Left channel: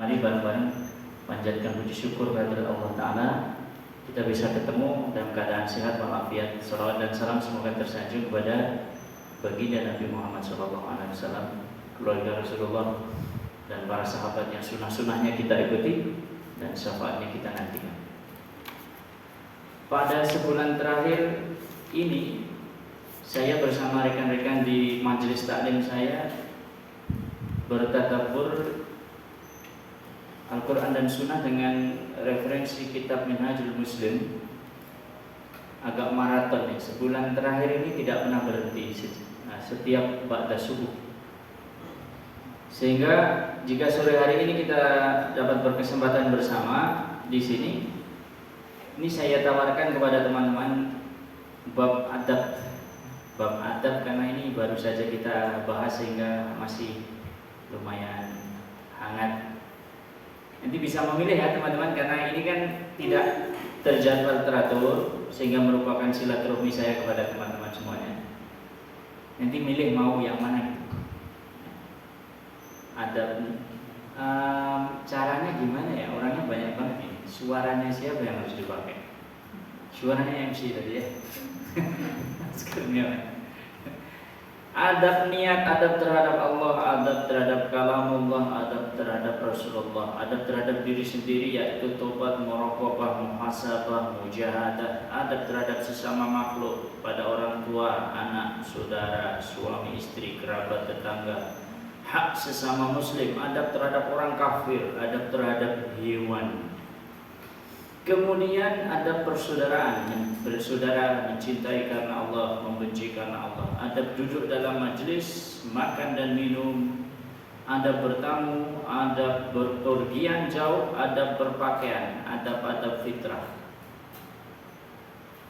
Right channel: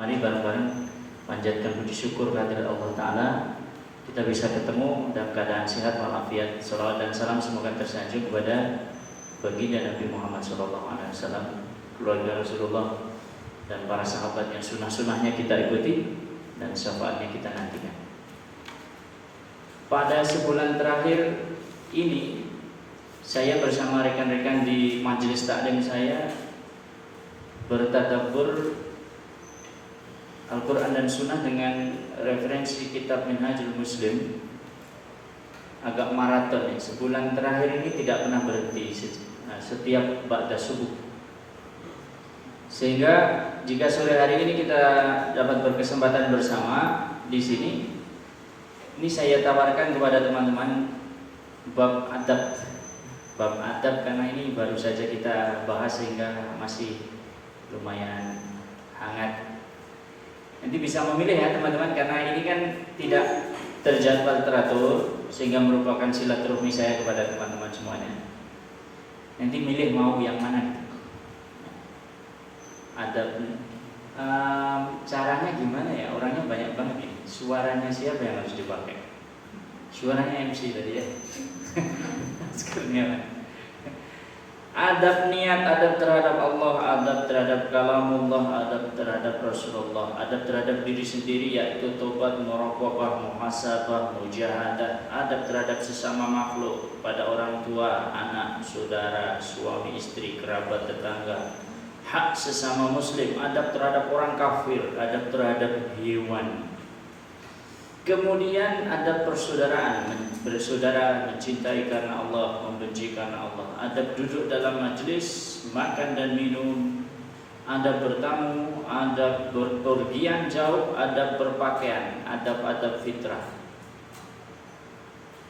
Mari bareng-bareng panjatkan puji syukur kehadirat Allah Ta'ala, kita bisa ketemu dalam keadaan sehat walafiat. Salawat dan salam semoga tersanjung kepada baginda Nabi Muhammad SAW, keluarga Rasulullah, dan para sahabat yang sunnah-sunnahnya kita ikuti dan syafaatnya kita nantikan. Pada sebulan terakhir ini, saya bersama rekan-rekan di majelis taklim saya bertadabbur Al-Quran dan Sunnah dengan referensi kitab Minhajul Muslim. Agak maraton nih, sebulan terakhir ini tidak pernah berhenti, setiap ba'da subuh. Sehingga jika sore hari ini kita dapat berkesempatan bersama di sini, ini saya tawarkan kepada teman-teman bab adab. Bab adab karena ini baru saja kita bahas sehingga masih lumayan hangat. Nanti bisa memilih ya teman-teman, karena ini kan tidak terjadwal teratur, sehingga merupakan silaturahmi saya kepada teman-teman semuanya. Nanti milih mau yang mana. Ada caranya gimana ya? Orangnya banyak banget ini. Suaranya siapa yang harus dipakai? Suaranya MC tadi ya. Sekarang adab niat, adab terhadap Allah, adab terhadap kalamullah, adab terhadap Rasulullah, adab terhadap diri sendiri yaitu tobat, muraqabah, muhasabah, mujahadah, adab terhadap sesama makhluk, pada orang tua, anak, saudara, suami, istri, kerabat, tetangga, hak sesama muslim, adab terhadap orang kafir, adab terhadap hewan. Kemudian ada persaudaraan, bersaudara, mencintai karena Allah, membenci karena Allah. Adab duduk dalam majlis, makan dan minum, adab bertamu, adab berpergian jauh, adab berpakaian, adab-adab fitrah.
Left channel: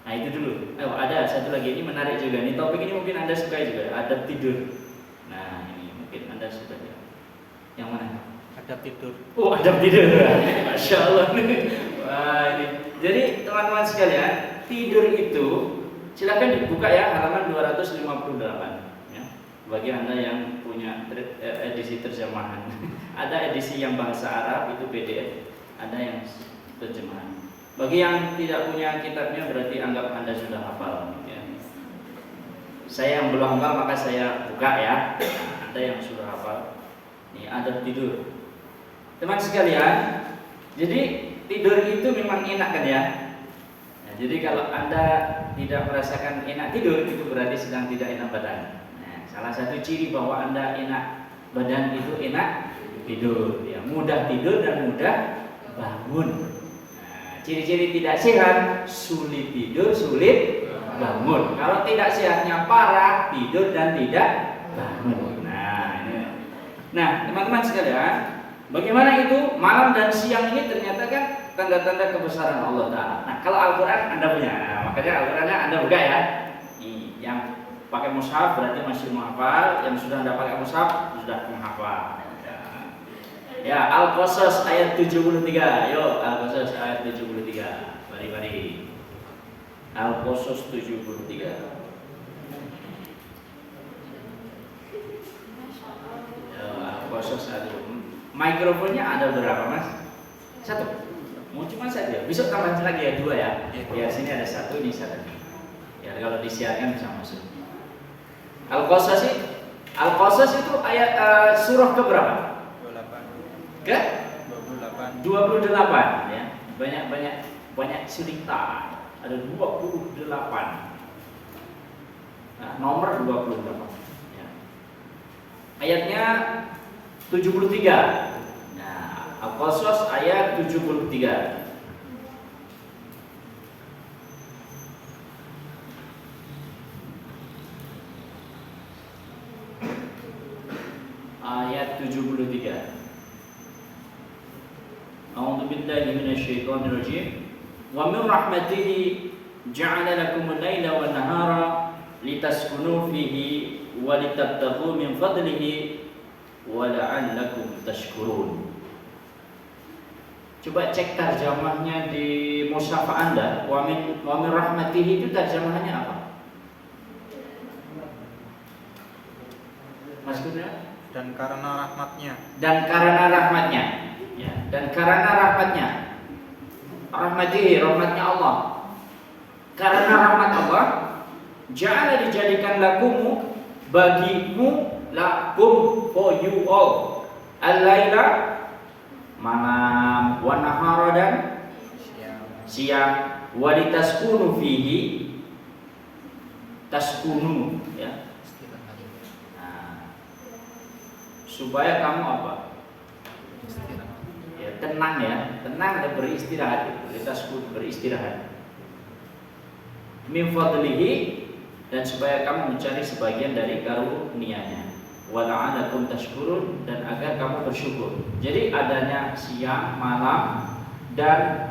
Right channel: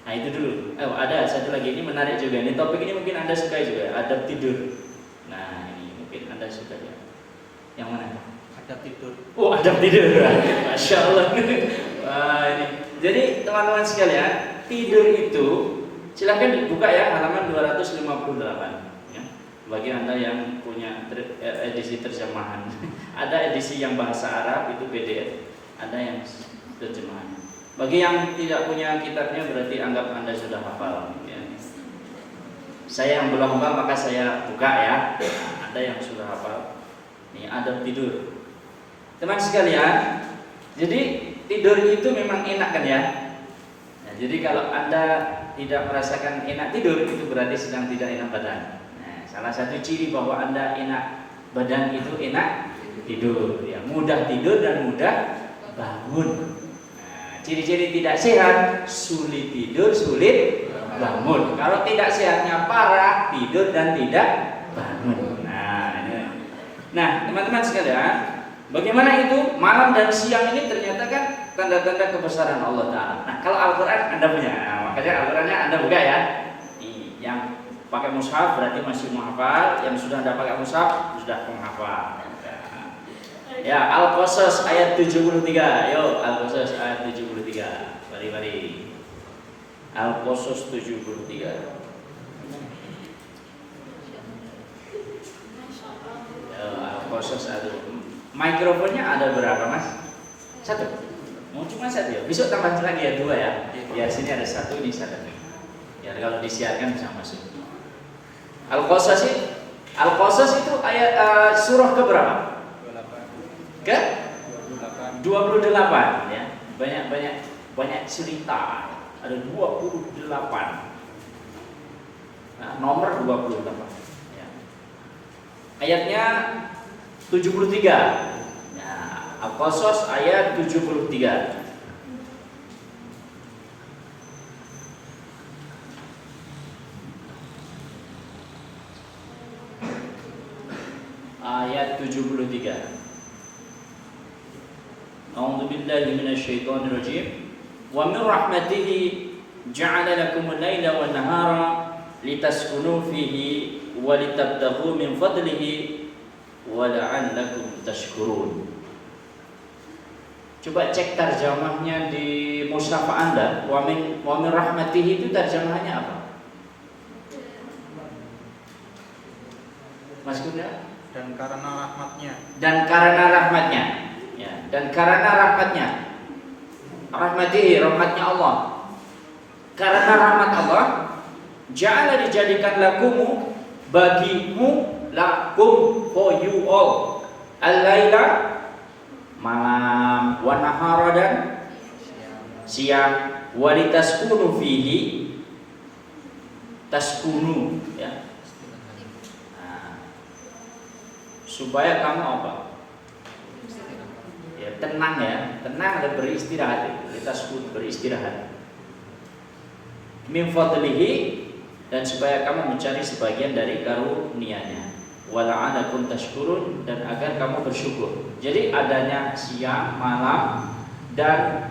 Nah itu dulu. Ada satu lagi, ini menarik juga. Ini topik ini mungkin Anda suka juga, adab tidur. Nah ini mungkin Anda suka ya. Yang mana? Adab tidur. Oh adab tidur, Masya Allah. Wah, ini. Jadi teman-teman sekalian, tidur itu silakan dibuka ya halaman 258 ya. Bagi Anda yang punya edisi terjemahan. Ada edisi yang bahasa Arab itu PDF, ada yang terjemahan. Bagi yang tidak punya kitabnya berarti anggap Anda sudah hafal ya. Saya yang belum hafal maka saya buka ya. Ada yang sudah hafal. Nih adab tidur. Teman sekalian, jadi tidur itu memang enak kan ya? Nah, jadi kalau Anda tidak merasakan enak tidur, itu berarti sedang tidak enak badan. Nah, salah satu ciri bahwa Anda enak badan itu enak tidur, ya, mudah tidur dan mudah bangun. Nah, ciri-ciri tidak sehat, sulit tidur, sulit bangun. Kalau tidak sehatnya parah, tidur dan tidak bangun. Nah, teman-teman sekalian, bagaimana itu malam dan siang ini ternyata kan tanda-tanda kebesaran Allah Ta'ala. Nah kalau Al-Quran Anda punya, makanya Al-Qurannya Anda buka ya. Nih, yang pakai mushaf berarti masih menghafal, yang sudah Anda pakai mushaf sudah menghafal. Ya, Al-Qasas ayat 73. Yo, Al-Qasas ayat 73. Mari. Al-Qasas 73. Yo, Al-Qasas ayat. Mikrofonnya ada berapa mas? Satu. Mau cuma satu ya? Besok tambah lagi ya 2 ya? Ya sini ada 1, ini 1. Ya kalau disiarkan bisa masuk. Al-Qasas itu ayat surah ke berapa? 28. Ke? 28 ya. Banyak cerita. Ada 28. Nah, nomor 28 ya. Ayatnya 73. Al-Qasas ayat 73. Ayat 73. A'udzu billahi minasyaitonir rajim. Wa min rahmatihi ja'ala lakumul laila wan nahara litaskunu fihi wa litabtaghu min fadlihi wa la'allakum tashkurun. Coba cek terjemahnya di mushaf Anda. Wa min rahmatihi itu terjemahannya apa? Mas Guna? Dan karena rahmatnya. Dan karena rahmatnya. Ya, dan karena rahmatnya Allah. Karena rahmat Allah, ja'ala dijadikan lakumu, bagimu, lakum, for you all, al-laila, malam, wa nahara, dan siang, wa litaskunu fihi, taskunu, ya. Nah, supaya kamu apa? Ya, tenang dan beristirahat. Litaskunu, beristirahat. Min fadlihi, dan supaya kamu mencari sebagian dari karunia-Nya. Wala'alakum tashkurun, dan agar kamu bersyukur. Jadi adanya siang, malam, dan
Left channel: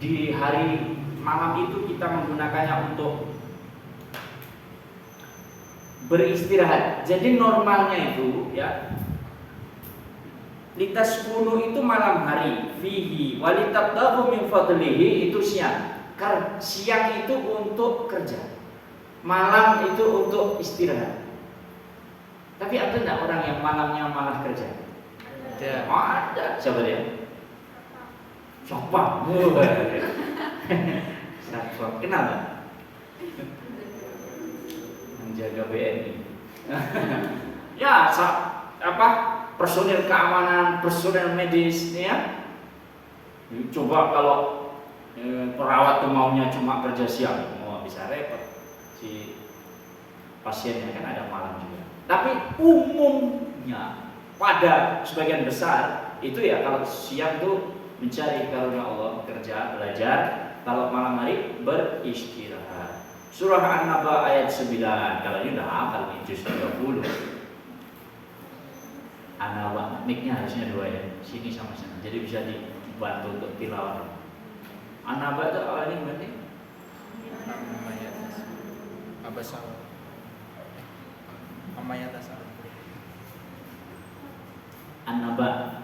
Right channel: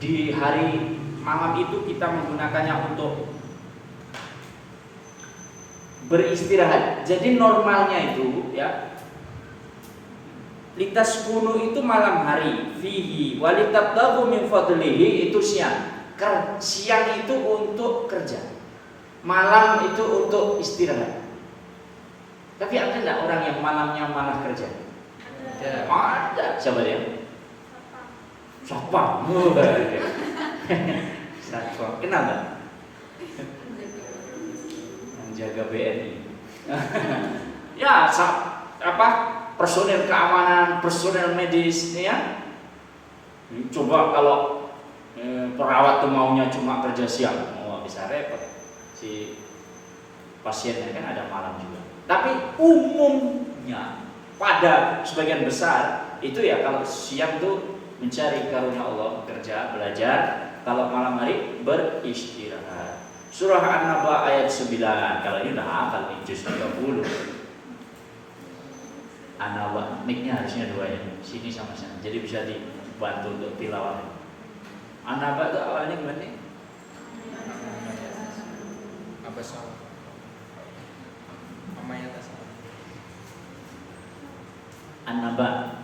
di hari malam itu kita menggunakannya untuk beristirahat. Jadi normalnya itu ya, litaskunu itu malam hari, fihi walitabtaghu min fadlihi itu siang. Siang itu untuk kerja, malam itu untuk istirahat. Tapi ada enggak orang yang malamnya malah kerja? Ada. Siapa dia? Siapa? Satpam. Kenal enggak? Menjaga BNI. Ya, personil keamanan, personil medis, ya. Coba kalau perawat tuh maunya cuma kerja siang, bisa repot si pasiennya, kan ada malam juga. Tapi umumnya pada sebagian besar itu ya kalau siang tuh mencari karunia Allah, kerja, belajar, kalau malam hari beristirahat. Surah An-Naba ayat 9. Kalau ini udah hafal nih, juz 30. An-Naba, mic-nya harusnya 2 ya, sini sama sana, jadi bisa dibantu untuk tilawah. An-Naba itu awalnya gimana? Abasa Amaya Tasar. An-Naba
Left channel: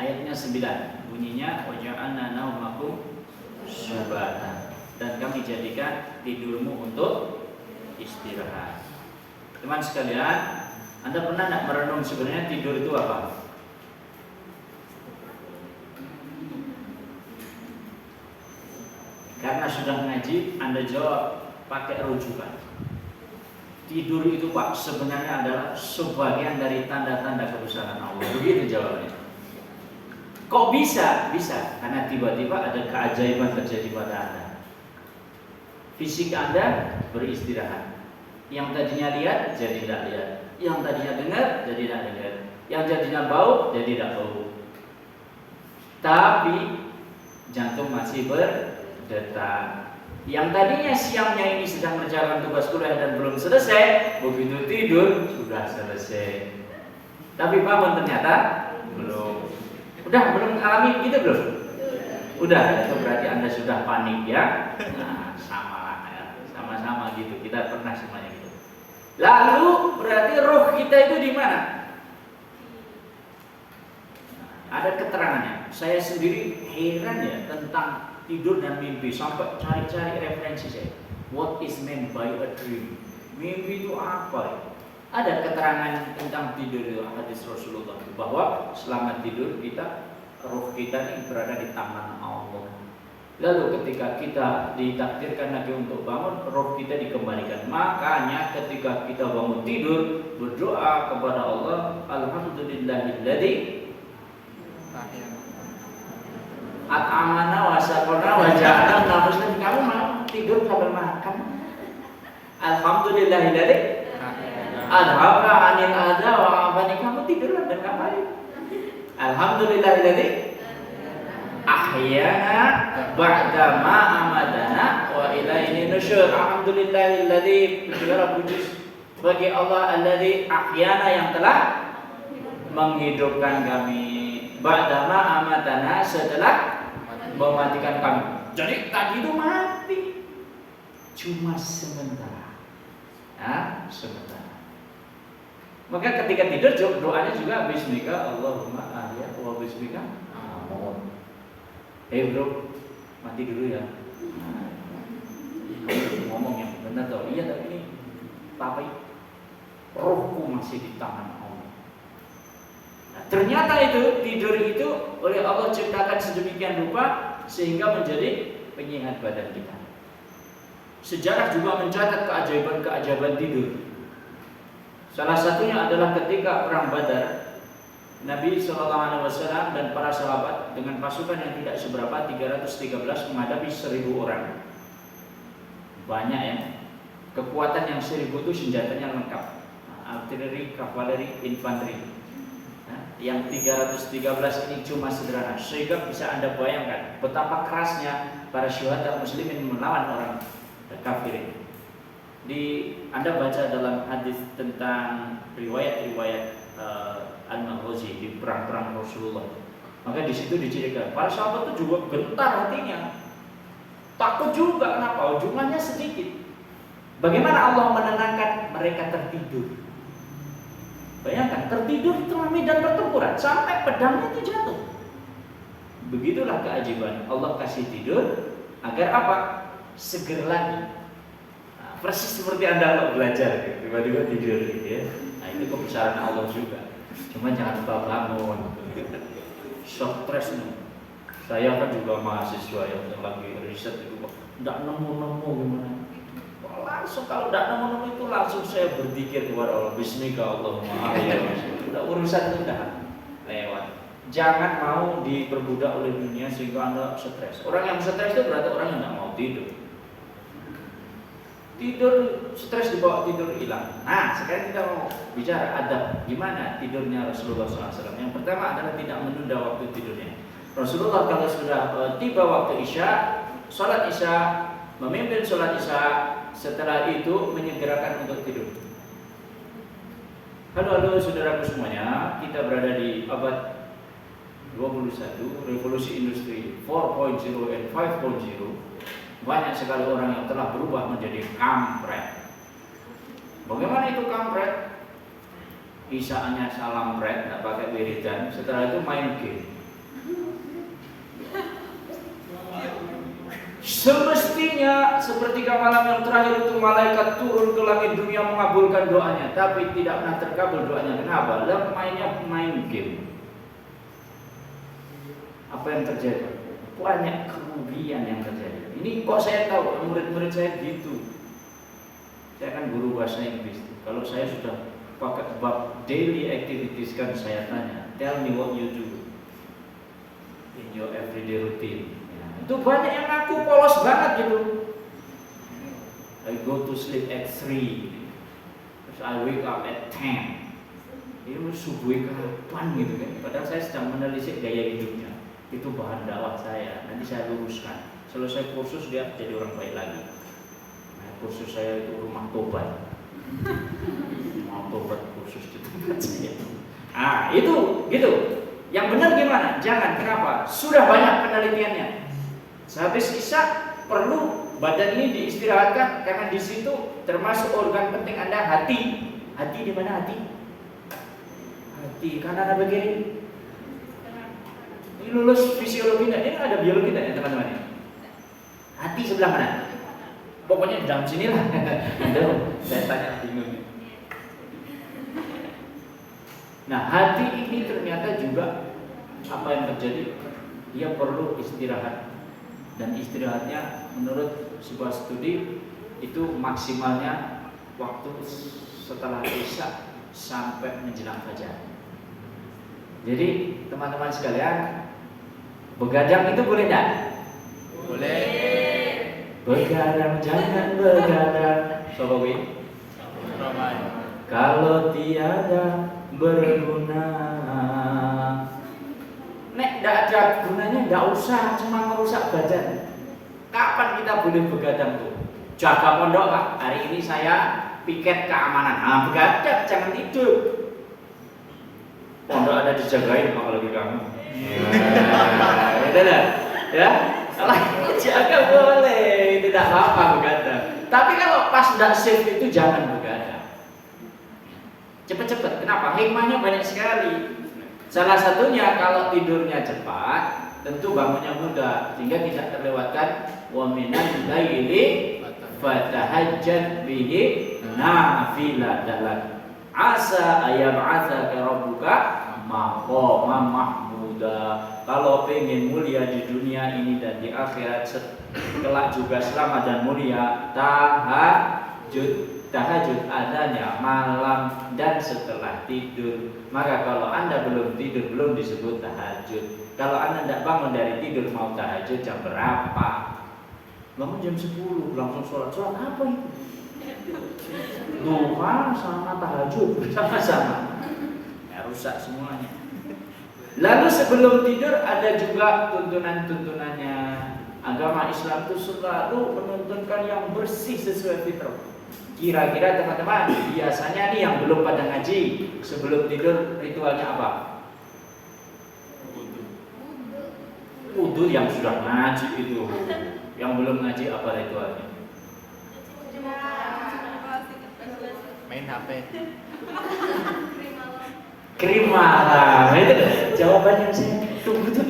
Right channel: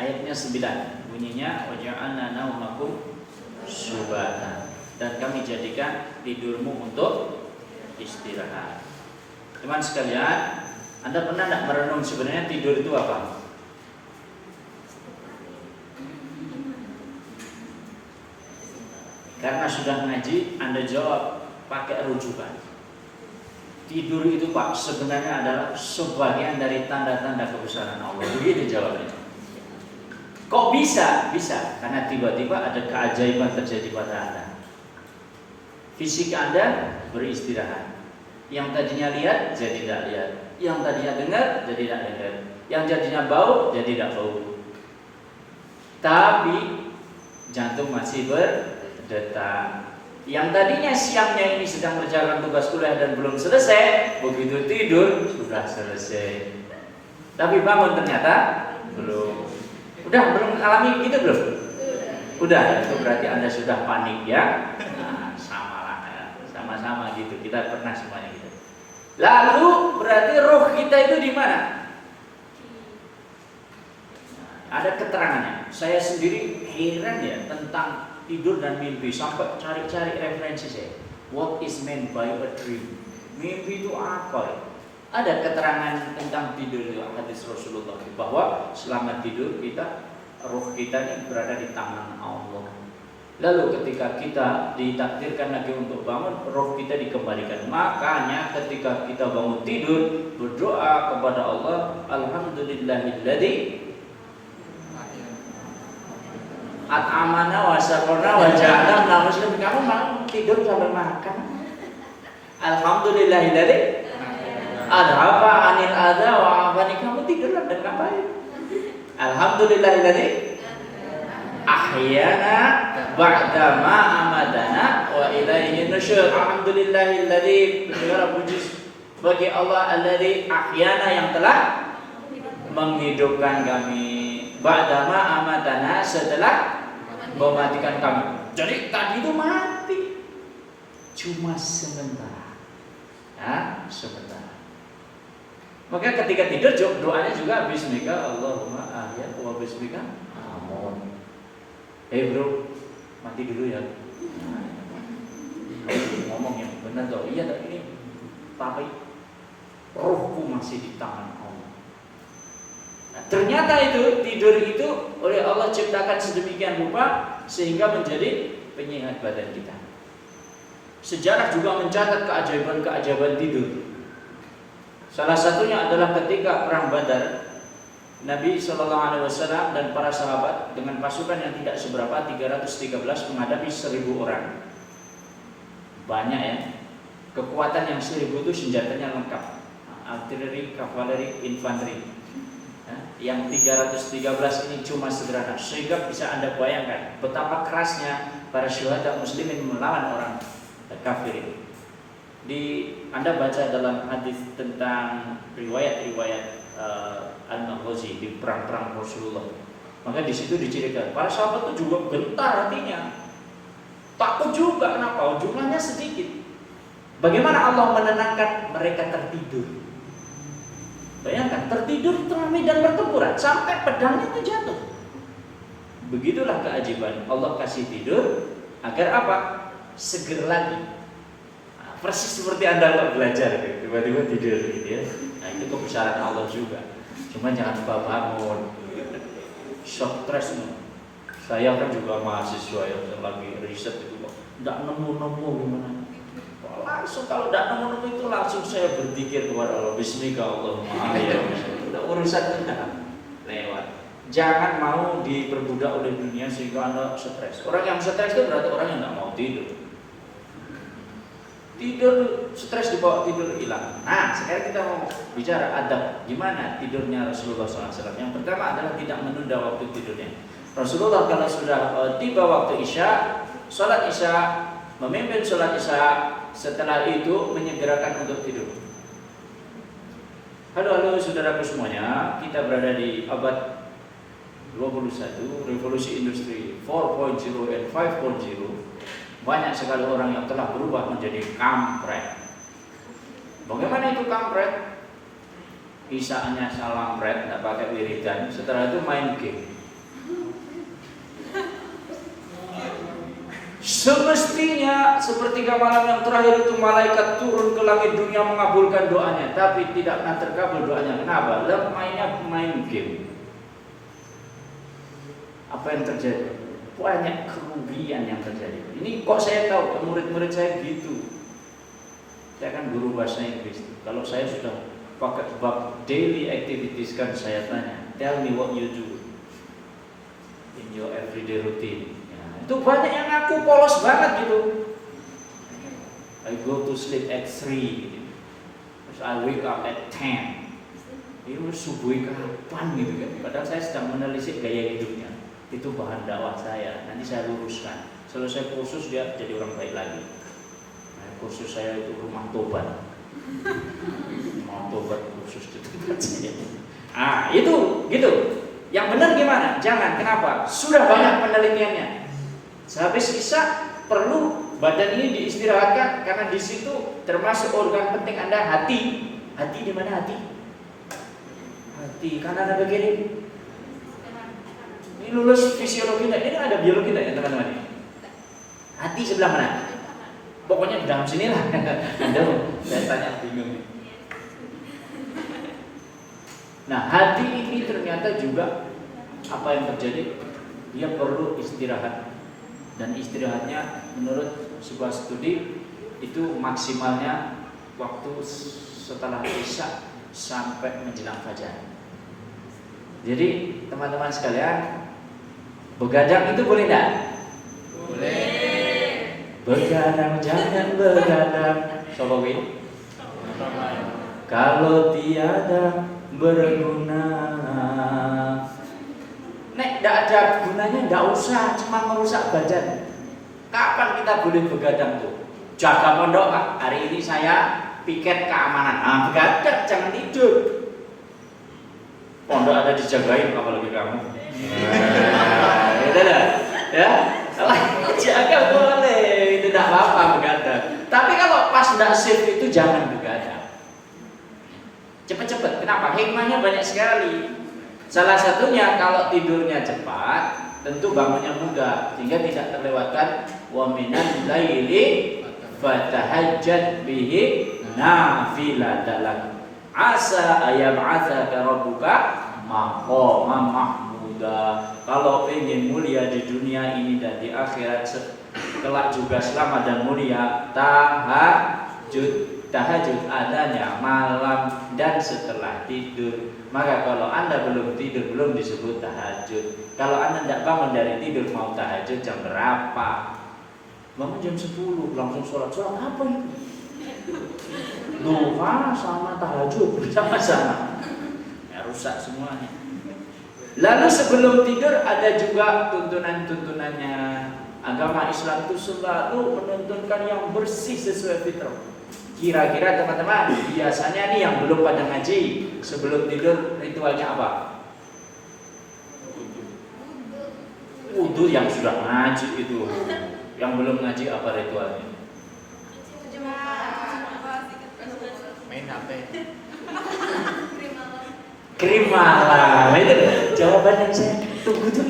ayatnya 9, bunyinya waja'alna naumakum subata, dan kami jadikan tidurmu untuk istirahat. Teman sekalian, Anda pernah enggak merenung sebenarnya tidur itu apa? Karena sudah ngaji, Anda jawab pakai rujukan. Tidur itu Pak sebenarnya adalah sebagian dari tanda-tanda kebesaran Allah. Begitu jawabnya. Kok bisa? Bisa karena tiba-tiba ada keajaiban terjadi pada Anda. Fisik Anda beristirahat. Yang tadinya lihat jadi tidak lihat. Yang tadinya dengar jadi tidak dengar. Yang jadinya bau jadi tidak bau. Tapi jantung masih berdetak. Yang tadinya siangnya ini sedang mengerjakan tugas kuliah dan belum selesai, begitu tidur sudah selesai. Tapi bangun ternyata belum. Udah belum alami gitu belum? Udah, itu berarti Anda sudah panik ya. Nah, sama lah ya. Sama-sama gitu. Kita pernah semuanya gitu. Lalu berarti roh kita itu di mana? Ada keterangannya. Saya sendiri heran ya tentang tidur dan mimpi, sampai cari-cari referensi saya. What is meant by a dream? Mimpi itu apa? Ada keterangan tentang tidur itu, hadis Rasulullah bahwa selama tidur kita, roh kita ini berada di tangan Allah. Lalu ketika kita ditakdirkan lagi untuk bangun, roh kita dikembalikan. Makanya ketika kita bangun tidur, berdoa kepada Allah, alhamdulillahilladzi at'amana wa saqana wa ja'alna muslim. Kamu mau tidur sambil makan? Alhamdulillahilladzi adhaba 'anil adza wa 'afani. Kamu tidurlah dan ngapain? Alhamdulillahilladzi ahyana ba'da ma amadana wa ilaihi nusyur. Alhamdulillahilladzi, segala puji bagi Allah alladzi ahyana, yang telah menghidupkan kami, ba'da ma amadana, setelah mematikan kami. Jadi tadi itu mati cuma sementara, ya, sementara. Maka ketika tidur doanya juga bismika Allahumma ahya wa bismika amut. Bro, mati dulu ya. Ngomong yang benar toh. Iya, tapi ini tapi rohku masih di tangan Allah. Ternyata itu tidur itu oleh Allah ciptakan sedemikian rupa sehingga menjadi penyehat badan kita. Sejarah juga mencatat keajaiban-keajaiban tidur. Salah satunya adalah ketika perang Badar, Nabi SAW dan para sahabat dengan pasukan yang tidak seberapa 313 menghadapi 1000 orang. Banyak ya. Kekuatan yang 1000 itu senjatanya lengkap. Artileri, kavaleri, infanteri. Yang 313 ini cuma sederhana, sehingga bisa Anda bayangkan betapa kerasnya para syuhada muslimin melawan orang kafir. Anda baca dalam hadis tentang riwayat-riwayat Al-Maghazi di perang-perang Rasulullah. Maka di situ diceritakan para sahabat itu juga gentar hatinya, takut juga. Kenapa? Jumlahnya sedikit. Bagaimana Allah menenangkan mereka tertidur? Bayangkan, tertidur di tengah medan pertempuran sampai pedangnya itu jatuh. Begitulah keajaiban Allah kasih tidur agar apa? Seger lagi. Nah, persis seperti Anda belajar, tiba-tiba tidur gitu ya. Nah, itu kebesaran Allah juga. Cuma jangan lupa bangun. Shock stress nih. Saya kan juga mahasiswa yang lagi riset itu kok tidak nemu-nemu gimana. Langsung kalau tidak nemu itu langsung saya berzikir kepada Allah. Bismika Allahumma ya. Udah urusan kita lewat. Jangan mau diperbudak oleh dunia sehingga Anda stres. Orang yang stres itu berarti orang yang tidak mau tidur. Tidur stres dibawa tidur hilang. Nah, sekarang kita mau bicara adab gimana tidurnya Rasulullah SAW. Yang pertama adalah tidak menunda waktu tidurnya. Rasulullah kalau sudah tiba waktu Isya, sholat Isya, memimpin sholat Isya. Setelah itu menyegerakan untuk tidur. Halo saudaraku semuanya, kita berada di abad 21, revolusi industri 4.0 dan 5.0. Banyak sekali orang yang telah berubah menjadi kampret. Bagaimana itu kampret? Isaannya salam red, tidak pakai wiridan. Setelah itu main game. Semestinya sepertiga malam yang terakhir itu malaikat turun ke langit dunia mengabulkan doanya, tapi tidak pernah terkabul doanya. Kenapa? Mainnya main game. Apa yang terjadi? Banyak kerugian yang terjadi. Ini kok saya tahu, murid-murid saya gitu. Saya kan guru bahasa Inggris. Kalau saya sudah pakai bab daily activities kan saya tanya, tell me what you do in your everyday routine. Itu banyak yang ngaku polos banget gitu. I go to sleep at 3, terus I wake up at 10. Ini subuh kapan gitu kan? Padahal saya sedang menelisik gaya hidupnya. Itu bahan dakwah saya. Nanti saya luruskan. Selesai kursus dia jadi orang baik lagi. Nah, kursus saya itu rumah tobat. Rumah tobat kursus di tempat saya. Ah itu gitu. Yang benar gimana? Jangan. Kenapa? Sudah banyak penelitiannya. Sehabis Isya perlu badan ini diistirahatkan karena di situ termasuk organ penting Anda hati. Hati di mana hati? Hati kanan apa kiri? Ini lulus fisiologi enggak? Ini ada biologi enggak ya teman-teman? Hati sebelah mana? Pokoknya di dalam sini lah. Saya tanya bingung. Nah, hati ini ternyata juga apa yang terjadi? Dia perlu istirahat. Dan istirahatnya menurut sebuah studi itu maksimalnya waktu setelah Isya sampai menjelang fajar. Jadi teman-teman sekalian, begadang itu boleh enggak? Boleh. Begadang jangan begadang. Coba gue. Kalau tiada berguna. Nek tidak ada gunanya, tidak usah cuma merusak badan. Kapan kita boleh begadang tuh? Jaga pondok Pak, hari ini saya piket keamanan. Begadang, jangan tidur. Pondok ada dijagain apalagi kamu. Ya, kalau jaga boleh, itu tidak apa-apa begadang. Tapi kalau pas tidak shift itu jangan begadang. Cepet-cepet, kenapa? Hikmahnya banyak sekali. Salah satunya kalau tidurnya cepat, tentu bangunnya mudah sehingga tidak terlewatkan wa minal laili fatahajjat bihi nafilatan asa ayab'atsaka rabbuka maqaman mahmuda. Kalau pengen mulia di dunia ini dan di akhirat kelak juga selamat dan mulia, tahajud adanya malam dan setelah tidur. Maka kalau Anda belum tidur, belum disebut tahajud. Kalau Anda tidak bangun dari tidur mau tahajud jam berapa? Bangun jam 10 langsung sholat apa itu? Duha sama tahajud bersama-sama, ya, rusak semuanya. Lalu sebelum tidur ada juga tuntunan-tuntunannya. Agama Islam itu selalu menuntunkan yang bersih sesuai fitrah. Kira-kira teman-teman, biasanya nih yang belum pada ngaji, sebelum tidur ritualnya apa? Wudu. Yang sudah ngaji itu. Yang belum ngaji apa ritualnya? Main HP. Krim malam. Itu jawaban yang saya tunggu tuh.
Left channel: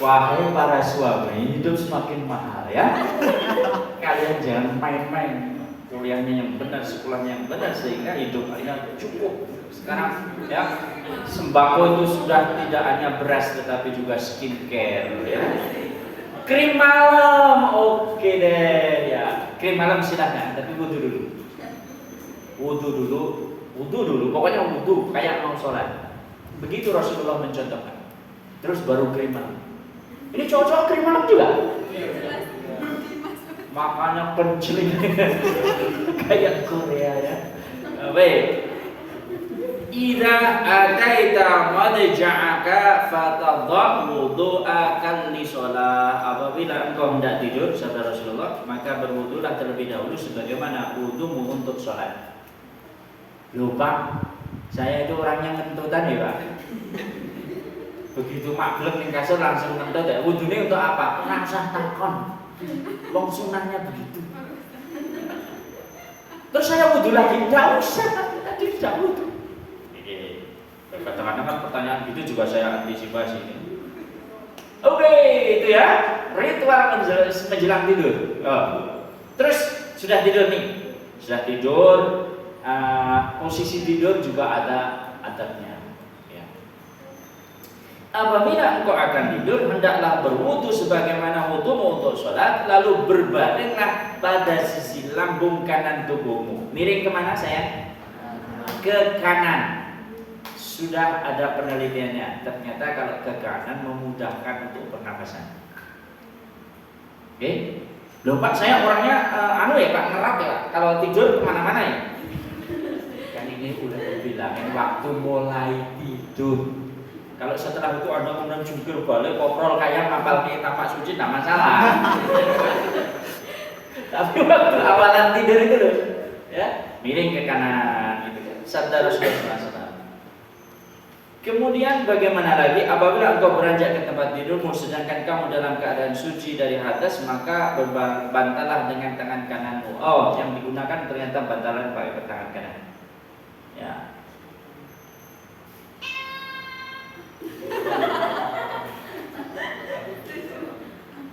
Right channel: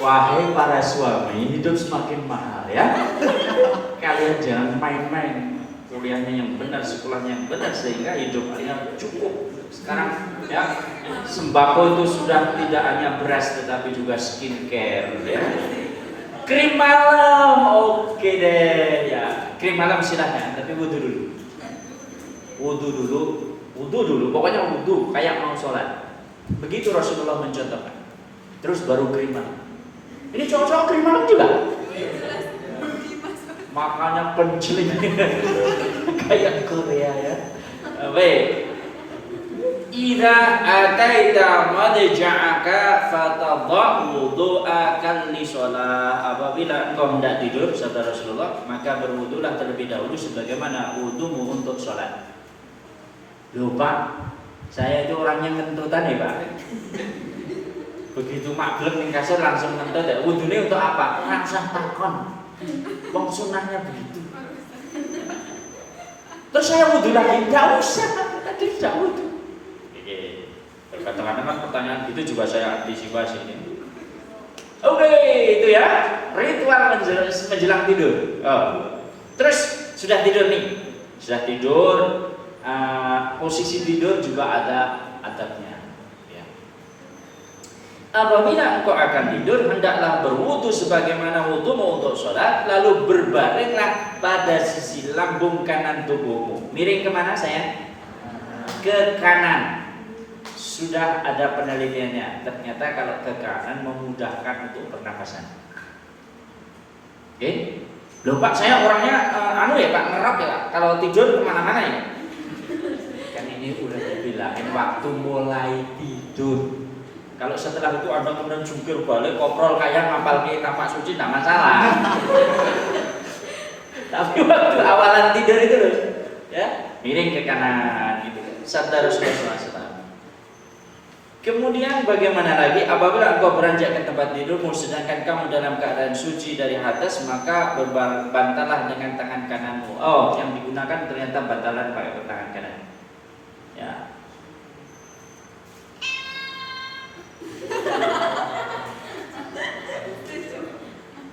Wahai para suami, hidup semakin mahal ya. Kalian jangan main-main. Kuliahnya yang benar, sekolahnya yang benar, sehingga hidup kalian cukup. Sekarang ya, sembako itu sudah tidak hanya beras tetapi juga skincare ya. Krim malam, oke deh ya. Krim malam silahkan, tapi wudu dulu. Wudu dulu, pokoknya wudu kayak mau sholat. Begitu Rasulullah mencontohkan. Terus baru krim malam. Ini cowok-cowok krim malam juga. Makanya penceling kayak Korea ya. Baik. Idza ataita madja'aka fatadha wudu'aka li shalah. Apabila engkau hendak tidur, sabda Rasulullah, maka berwudulah terlebih dahulu sebagaimana wudumu untuk sholat. Lupa, saya itu orangnya kentutan ya Pak. Begitu maglek ning kasur langsung ngentut ya. Wudune untuk apa? Ngasah takon. Wong sunahnya begitu. Terus saya wudu lagi, enggak usah. Tadi tidak wudu. Kadang-kadang pertanyaan gitu juga saya antisipasi ini. Oke, itu ya ritual menjelang tidur. Terus sudah tidur nih, sudah tidur. Posisi tidur juga ada adabnya. Ya. Apabila engkau akan tidur, hendaklah berwudu sebagaimana wudumu untuk sholat, lalu berbaringlah pada sisi lambung kanan tubuhmu. Miring kemana sayang? Ke kanan. Sudah ada penelitiannya, ternyata kalau ke kanan memudahkan untuk pernapasan. Oke? Loh Pak, saya orangnya Pak, ngerap ya, kalau tidur kemana-mana ya. Kan ini udah dibilang, ini waktu mulai tidur. Kalau setelah itu Anda kemudian jungkir balik, koprol kayak ngapal ke tapak suci, tidak masalah. Tapi waktu awalan tidur itu loh, ya, miring ke kanan gitu kan. Sabda Rasulullah SAW. Kemudian bagaimana lagi apabila engkau beranjak ke tempat tidurmu sedangkan kamu dalam keadaan suci dari atas, maka berbantalah dengan tangan kananmu. Oh, yang digunakan ternyata bantalan pakai tangan kanan. Ya.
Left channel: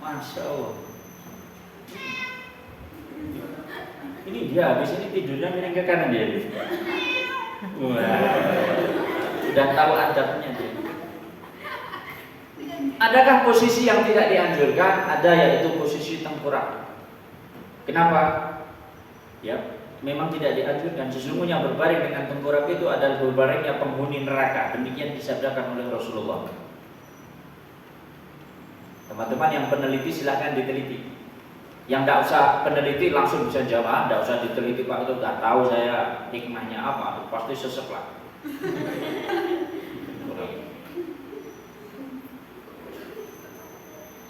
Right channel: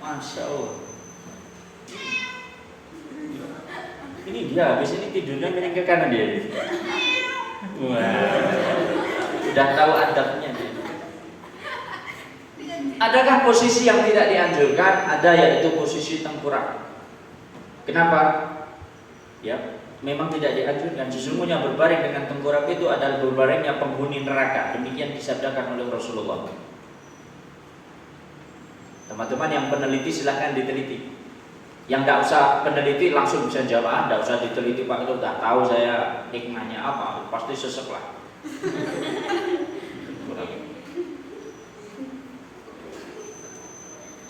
Masya Allah. Ini dia habis ini tidurnya miring ke kanan dia. Wah. Sudah tahu adabnya dia. Adakah posisi yang tidak dianjurkan? Ada, yaitu posisi tengkurap. Kenapa? Ya, memang tidak dianjurkan. Sesungguhnya berbaring dengan tengkurap itu adalah berbaringnya penghuni neraka. Demikian disabdakan oleh Rasulullah. Teman-teman yang peneliti silahkan diteliti. Yang tidak usah peneliti langsung bisa jawab, tidak usah diteliti Pak, itu sudah tahu saya hikmahnya apa, pasti sesek lah.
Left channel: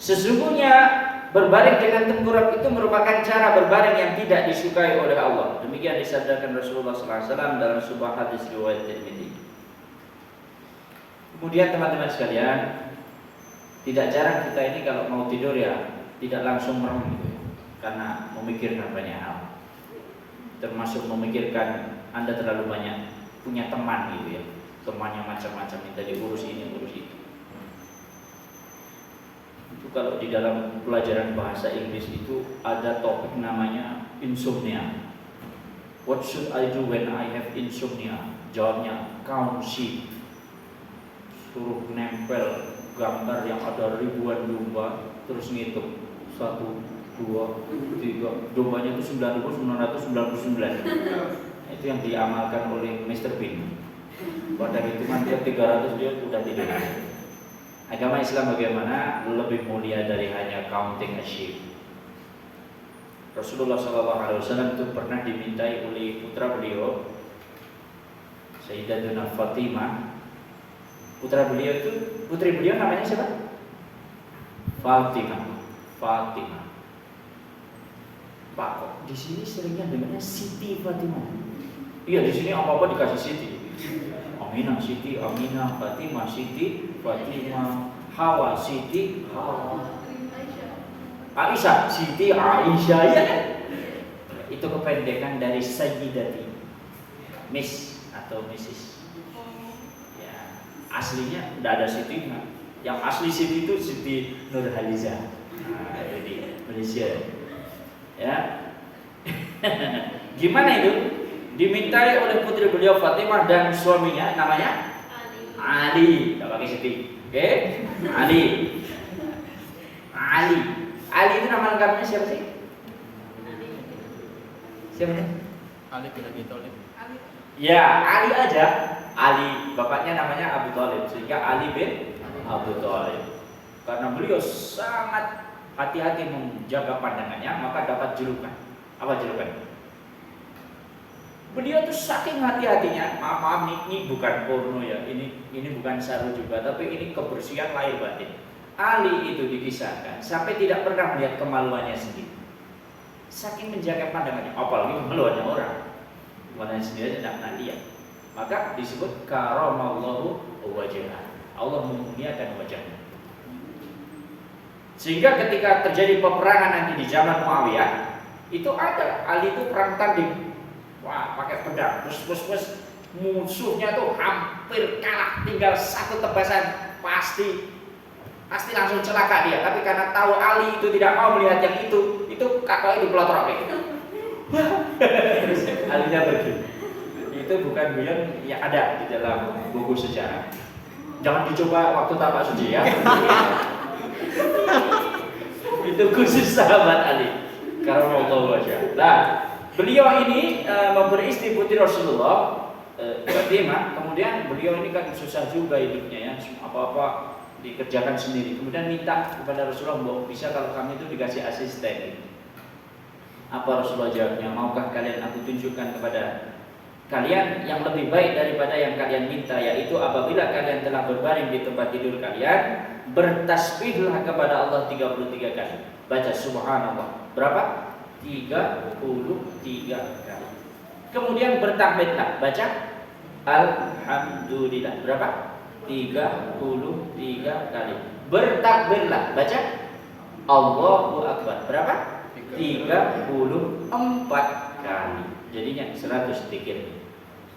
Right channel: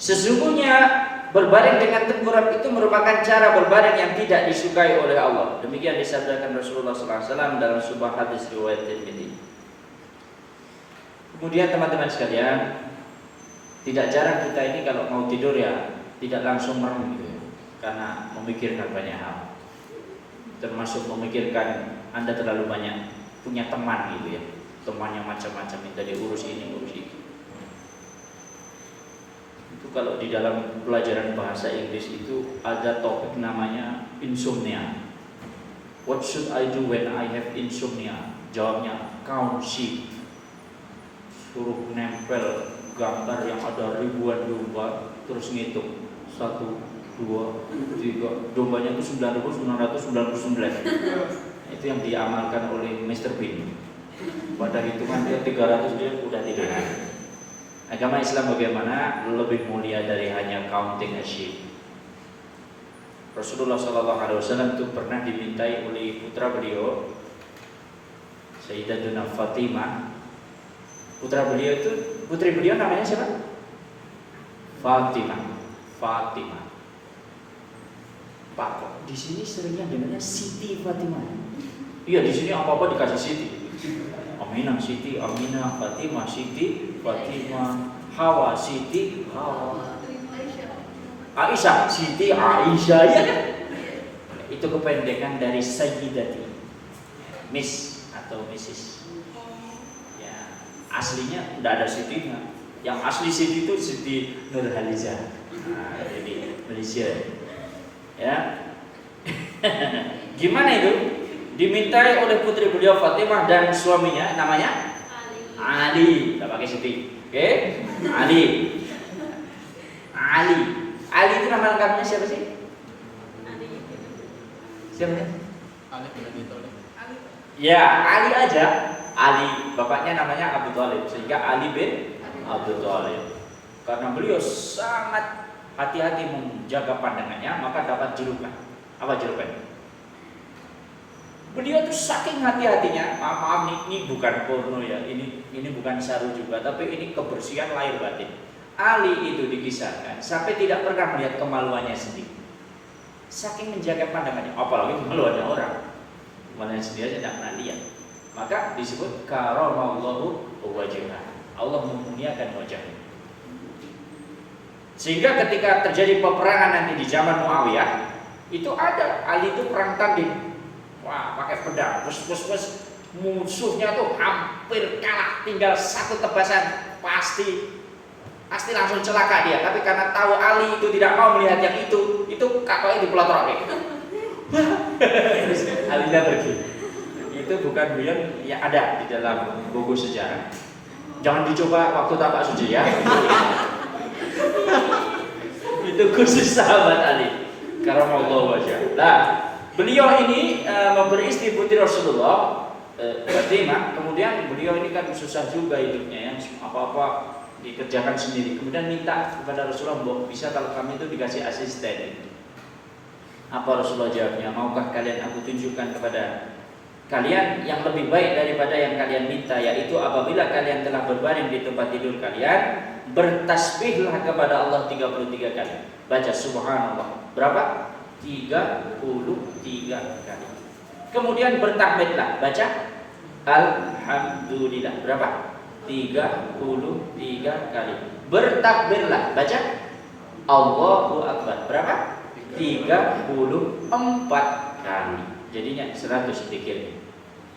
Sesungguhnya berbaring dengan tengkurap itu merupakan cara berbaring yang tidak disukai oleh Allah. Demikian disabdakan Rasulullah SAW dalam sebuah hadis riwayat Tirmidzi. Kemudian teman-teman sekalian, tidak jarang kita ini kalau mau tidur ya tidak langsung merem gitu ya, karena memikirkan banyak hal. Termasuk memikirkan Anda terlalu banyak punya teman gitu ya, teman yang macam-macam minta diurus ini urus itu. Itu kalau di dalam pelajaran bahasa Inggris itu ada topik namanya insomnia. What should I do when I have insomnia? Jawabnya, count sheep. Suruh nempel gambar yang ada ribuan domba, terus ngitung 1, 2, 3. Dombanya itu 9.999. Itu yang diamalkan oleh Mr. Bean. Pada hitungan ke 300 dia udah tidur. Agama Islam bagaimana? Lebih mulia dari hanya counting a sheep. Rasulullah SAW itu pernah dimintai oleh putra beliau, Sayyidatuna Fatimah. Putra beliau itu, putri beliau namanya siapa? Fatimah. Pak, kok di sini seringnya dengarnya Siti Fatimah? Iya, di sini apa-apa dikasih Siti. Aminah Siti, Aminah, Fatimah Siti, Fatimah, Hawa Siti, Hawa. Aisyah, Siti Aisyah, ya kan? Itu kependekan dari Sayyidati, Miss atau Mrs. Ya, aslinya tidak ada Siti. Yang asli Siti itu Siti Nurhaliza. Nah, jadi Malaysia. Ya, gimana itu? Dimintai oleh putri beliau Fatimah dan suaminya namanya Ali. Tak pakai Siti, oke? Ali itu nama lengkapnya siapa sih? Siapa? Ali bin Abi Thalib. Ya, Ali aja. Ali, bapaknya namanya Abu Thalib, sehingga Ali bin Abu Thalib. Karena beliau sangat hati-hati menjaga pandangannya, maka dapat julukan. Apa julukan? Beliau tuh saking hati-hatinya. Maaf ini bukan porno ya, ini bukan saru juga, tapi ini kebersihan lahir batin. Ali itu dikisahkan sampai tidak pernah melihat kemaluannya sendiri. Saking menjaga pandangannya, apalagi kemaluannya orang. Kemaluannya sendiri aja tidak pernah lihat. Maka disebut karamallahu wajhah. Allah memuliakan wajahnya. Sehingga ketika terjadi peperangan nanti di zaman Muawiyah, itu ada Ali itu perang tanding. Wah, pakai pedang, terus musuhnya tuh hampir kalah, tinggal satu tebasan, pasti langsung celaka dia. Tapi karena tahu Ali itu tidak mau melihat yang itu kakaknya dipelotorin. Terus Alinya pergi. Itu bukan guyon, ya ada di dalam buku sejarah. Jangan dicoba waktu tapak suci ya. Itu khusus sahabat Ali. Karamallahu wajhah. Nah, beliau ini memberi istri putri Rasulullah Fatimah. Kemudian beliau ini kan susah juga hidupnya ya, apa-apa dikerjakan sendiri. Kemudian minta kepada Rasulullah, bahwa bisa kalau kami itu dikasih asisten. Apa Rasulullah jawabnya? Maukah kalian aku tunjukkan kepada kalian yang lebih baik daripada yang kalian minta, yaitu apabila kalian telah berbaring di tempat tidur kalian, bertasbihlah kepada Allah 33 kali. Baca subhanallah. Berapa? 33 kali. Kemudian bertahmidlah. Baca alhamdulillah. Berapa? 33 kali. Bertakbirlah. Baca Allahu Akbar. Berapa? 34 kali. Jadinya 100 zikir.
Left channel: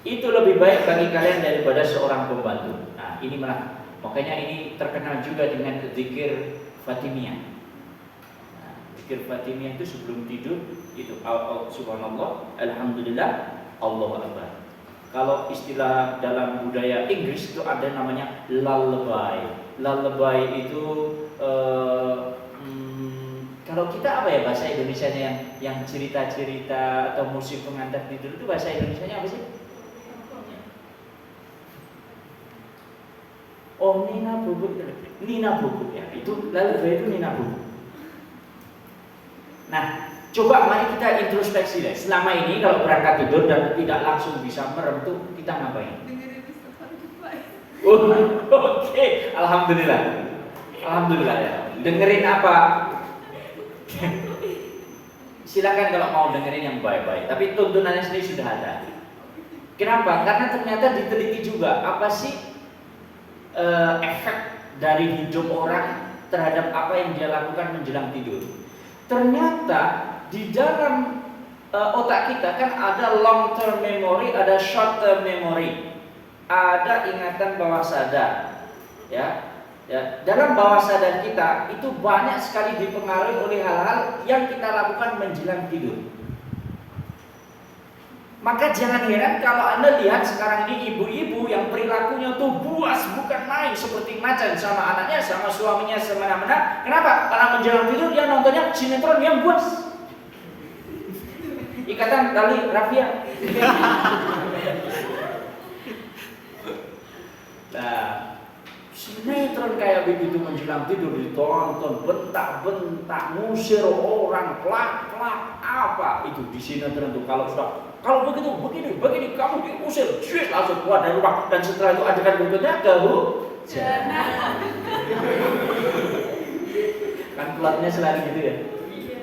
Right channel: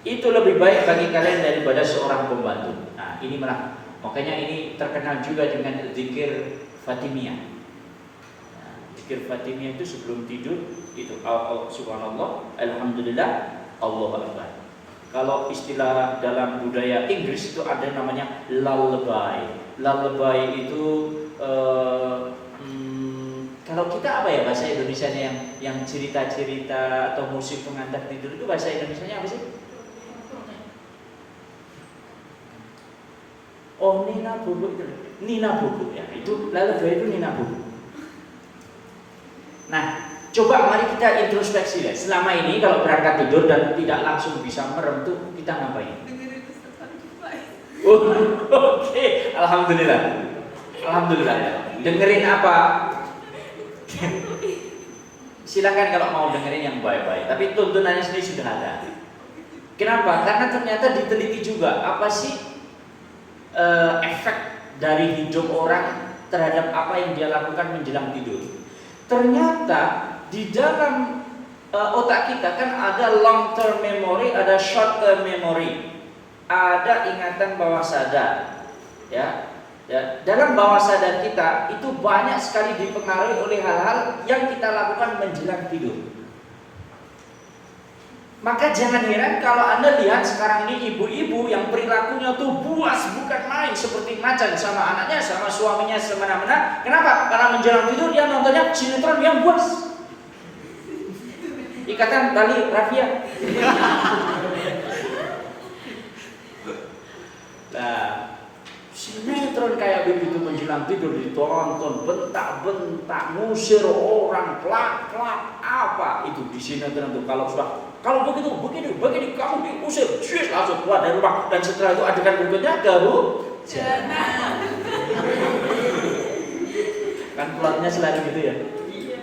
Itu lebih baik bagi kalian daripada seorang pembantu. Nah, ini malah makanya ini terkenal juga dengan zikir Fatimiyah. Nah, zikir Fatimiyah itu sebelum tidur itu subhanallah, alhamdulillah, Allahu Akbar. Kalau istilah dalam budaya Inggris itu ada namanya lullaby. Lullaby itu kalau kita apa ya bahasa Indonesianya yang cerita-cerita atau musik pengantar tidur itu bahasa Indonesianya apa sih? Oh, Nina Bobo itu. Nina Bobo ya. Itu lullaby itu Nina Bobo. Nah, coba mari kita introspeksi deh. Selama ini kalau berangkat tidur dan tidak langsung bisa merem tuh kita ngapain? Oh, oke. Alhamdulillah. Alhamdulillah ya. Dengerin apa? Silakan kalau mau dengerin yang baik-baik. Tapi tuntunannya sendiri sudah ada. Kenapa? Karena ternyata diteliti juga apa sih efek dari hidup orang terhadap apa yang dia lakukan menjelang tidur. Ternyata di dalam otak kita kan ada long term memory, ada short term memory, ada ingatan bawah sadar, ya. Dalam bawah sadar kita itu banyak sekali dipengaruhi oleh hal-hal yang kita lakukan menjelang tidur. Maka jangan heran kalau Anda lihat sekarang ini ibu-ibu yang perilakunya tuh buas bukan main, seperti macan sama anaknya, sama suaminya semena-mena. Kenapa? Karena menjelang tidur dia nontonnya sinetron yang buas. Ikatan tali rafia. Nah, sinetron kayak begitu menjelang tidur ditonton, bentak-bentak, ngusir orang, plak-plak, apa itu di sinetron tuh. Kalau begitu, begini, kamu diusir, langsung keluar dari rumah. Dan setelah itu adegan berikutnya kehujanan. Kan keluarnya selalu gitu ya.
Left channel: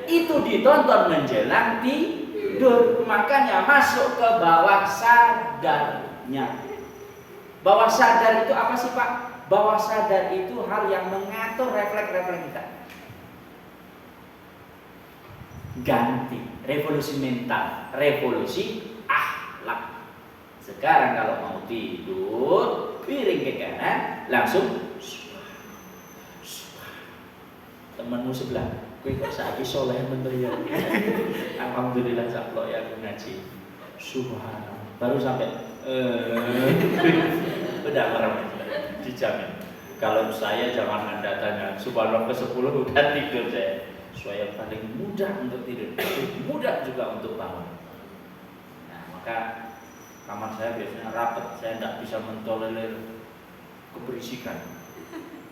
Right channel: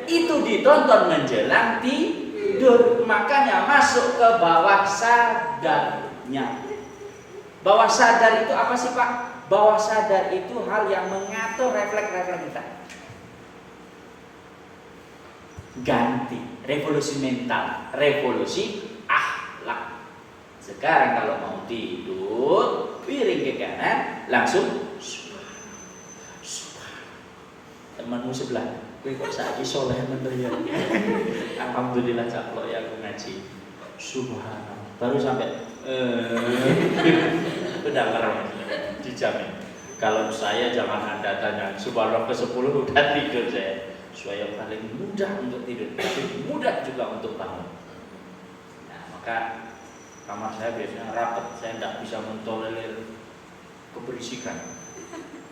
Itu ditonton menjelang tidur, makanya masuk ke bawah sadarnya. Bawah sadar itu apa sih Pak? Bawah sadar itu hal yang mengatur refleks-refleks kita. Ganti, revolusi mental, revolusi akhlak. Sekarang kalau mau tidur, piring ke kanan, langsung temanmu sebelah, kowe kok saiki soleh mendoyan. Alhamdulillah caplok ya aku ngaji. Subhanallah. Baru sampai udah merem, dijamin. Kalau saya jangan Anda tanya, subhanallah ke-10 udah tidur saya. Saya paling mudah untuk tidur, tapi mudah juga untuk bangun. Nah, maka kamar saya biasanya rapat, saya tidak bisa mentolerir keberisikan.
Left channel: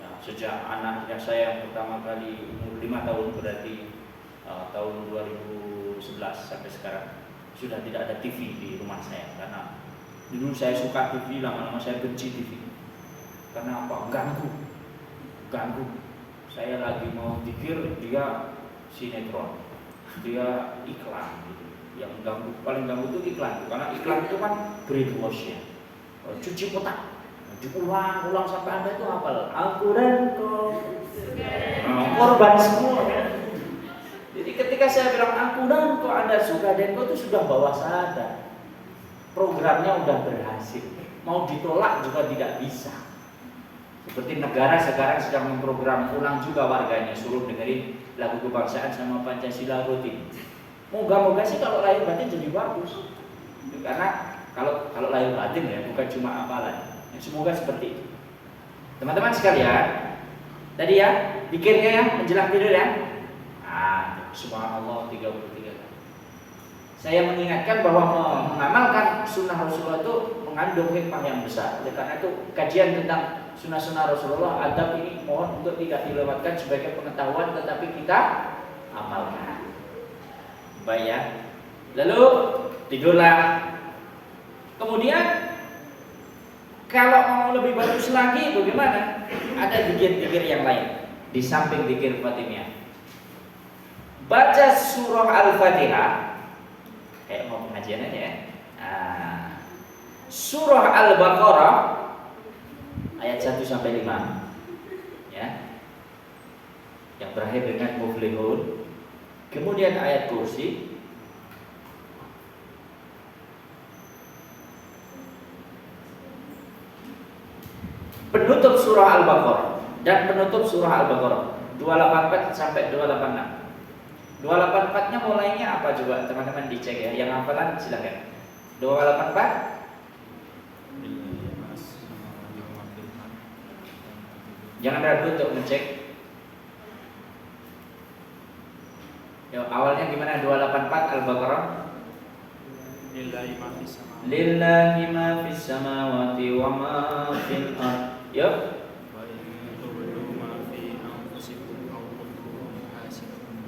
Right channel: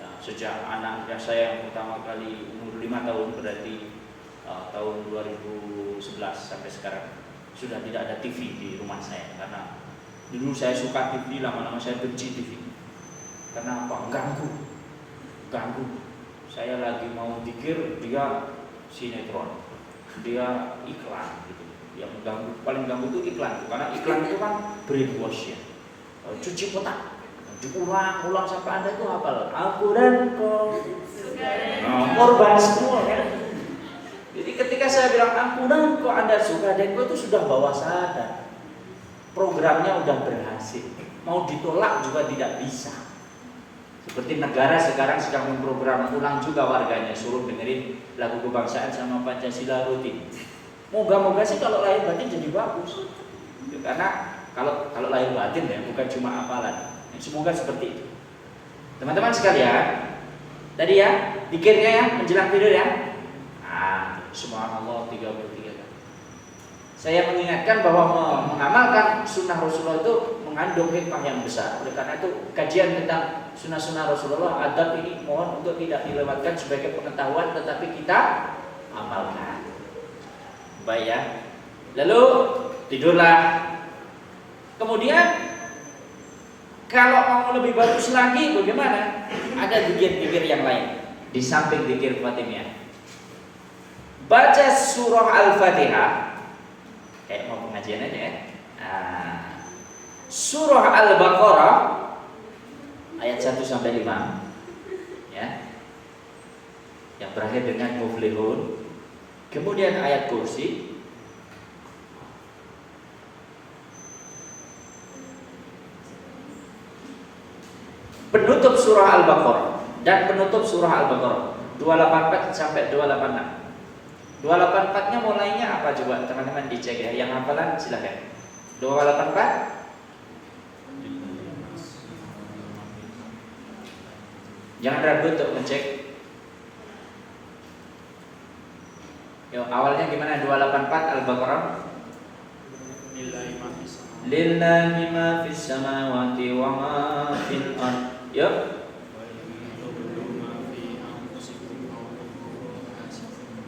Nah, sejak anaknya saya yang pertama kali umur 5 tahun, berarti tahun 2011 sampai sekarang sudah tidak ada TV di rumah saya, karena dulu saya suka TV, lama-lama saya benci TV. Karena apa? Ganggu. Saya lagi mau pikir, dia sinetron, dia iklan gitu. Yang paling ganggu itu iklan, karena iklan itu kan brainwash ya, cuci otak, diulang sampai Anda itu hafal. Aku dan kau, korban semua kan. Jadi ketika saya bilang aku dan kau, Anda suka dan kau, itu sudah bawah sadar. Programnya udah berhasil, mau ditolak juga tidak bisa. Seperti negara sekarang sedang memprogram ulang juga warganya, suruh dengerin lagu kebangsaan sama Pancasila rutin. Moga-moga sih kalau lahir batin jadi bagus. Ya, karena kalau lahir batin ya bukan cuma hafalan. Semoga seperti itu. Teman-teman sekalian, tadi ya zikirnya ya menjelang tidur ya. Subhanallah 33 kali. Saya mengingatkan bahwa mengamalkan sunnah Rasulullah itu mengandung hikmah yang besar. Oleh karena itu kajian tentang sunnah-sunnah Rasulullah, adab ini mohon untuk tidak dilewatkan sebagai pengetahuan, tetapi kita amalkan. Baik ya. Lalu tidurlah. Kemudian kalau mau lebih bagus lagi bagaimana? Ada zikir-zikir yang lain di samping zikir Fatimiyah. Baca surah Al-Fatihah. Kayak mau pengajian aja ya. Surah Al-Baqarah ayat 1 sampai 5 ya. Yang berakhir dengan muflihun. Kemudian ayat kursi. Penutup surah Al-Baqarah dan penutup surah Al-Baqarah 284 sampai 286. 284-nya mulainya apa coba teman-teman dicek ya. Yang hafalan silakan. 284 jangan ragu untuk ngecek. Yo, awalnya gimana? 284 Al-Baqarah. Lillahi ma fis samawati wa ma fil ardh. Yo.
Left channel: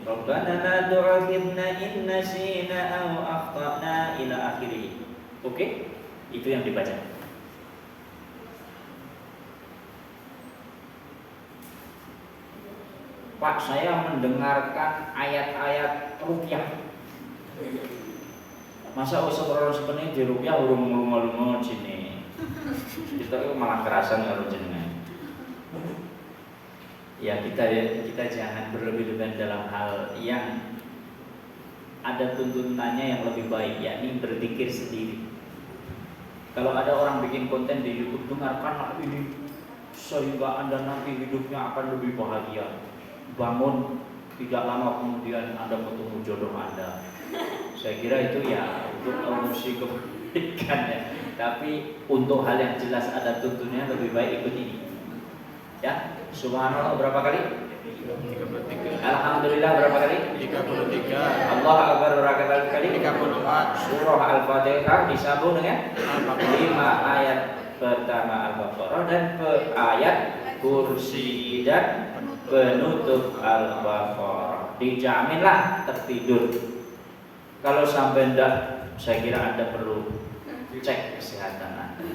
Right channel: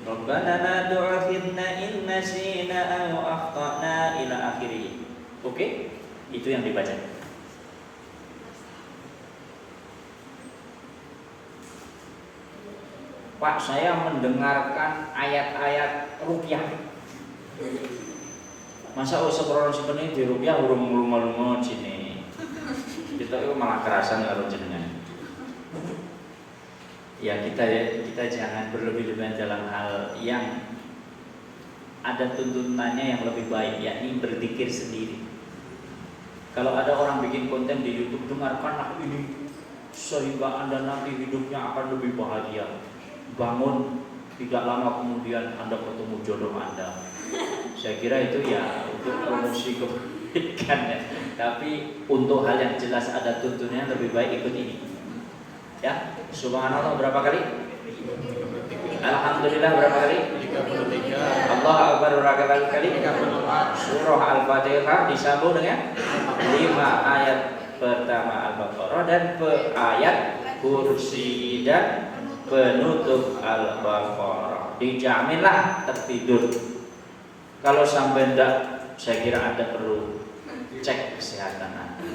Rabbana la tu'akhidna in nasina aw akhtana ila akhirih. Oke? Itu yang dibaca. Pak, saya mendengarkan ayat-ayat rupiah. Masa orang sebenarnya di rupiah urung lunga-lunga sini. Kita itu malah kerasan karo jenengan. Ya kita jangan berlebih-lebihan dalam hal yang ada tuntunannya yang lebih baik, yakni berzikir sendiri. Kalau ada orang bikin konten di YouTube, dengarkanlah ini sehingga Anda nanti hidupnya akan lebih bahagia. Bangun, tidak lama kemudian Anda ketemu jodoh Anda. Saya kira itu ya untuk emosi kebaikan ya. Tapi untuk hal yang jelas ada tuntunnya lebih baik ikut ini. Ya, subhanallah berapa kali? Alhamdulillah berapa kali? 33. Allah Akbar berapa kali? 34. Surah Al-Fatihah disambung dengan 5 ayat pertama Al-Baqarah dan ayat kursi dan penutup Al-Baqarah. Dijaminlah tertidur. Kalau sampai enggak, saya kira Anda perlu cek kesehatan Anda.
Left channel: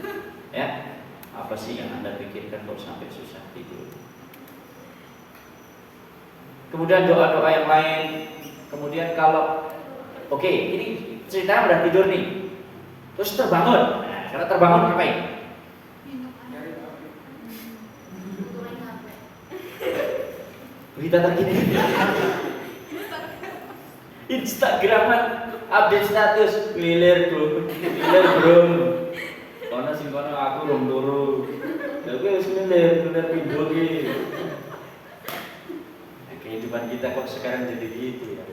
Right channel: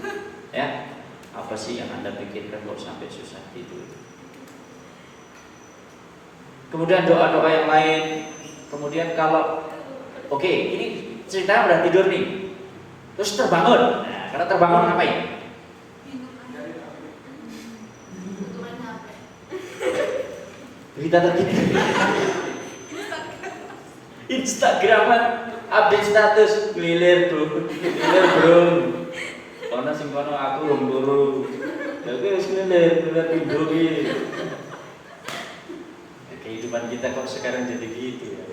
Ya, apa sih yang Anda pikirkan kok sampai susah tidur? Kemudian doa-doa yang lain. Kemudian kalau oke, ini ceritanya udah tidur nih, terus terbangun. Nah, karena terbangun ngapain? Berita terkini. Instagraman, update status, ngilir bro, karena sing kono aku rong turu, tapi harus ngilir tidur gitu. Nah, kehidupan kita kok sekarang jadi gitu ya.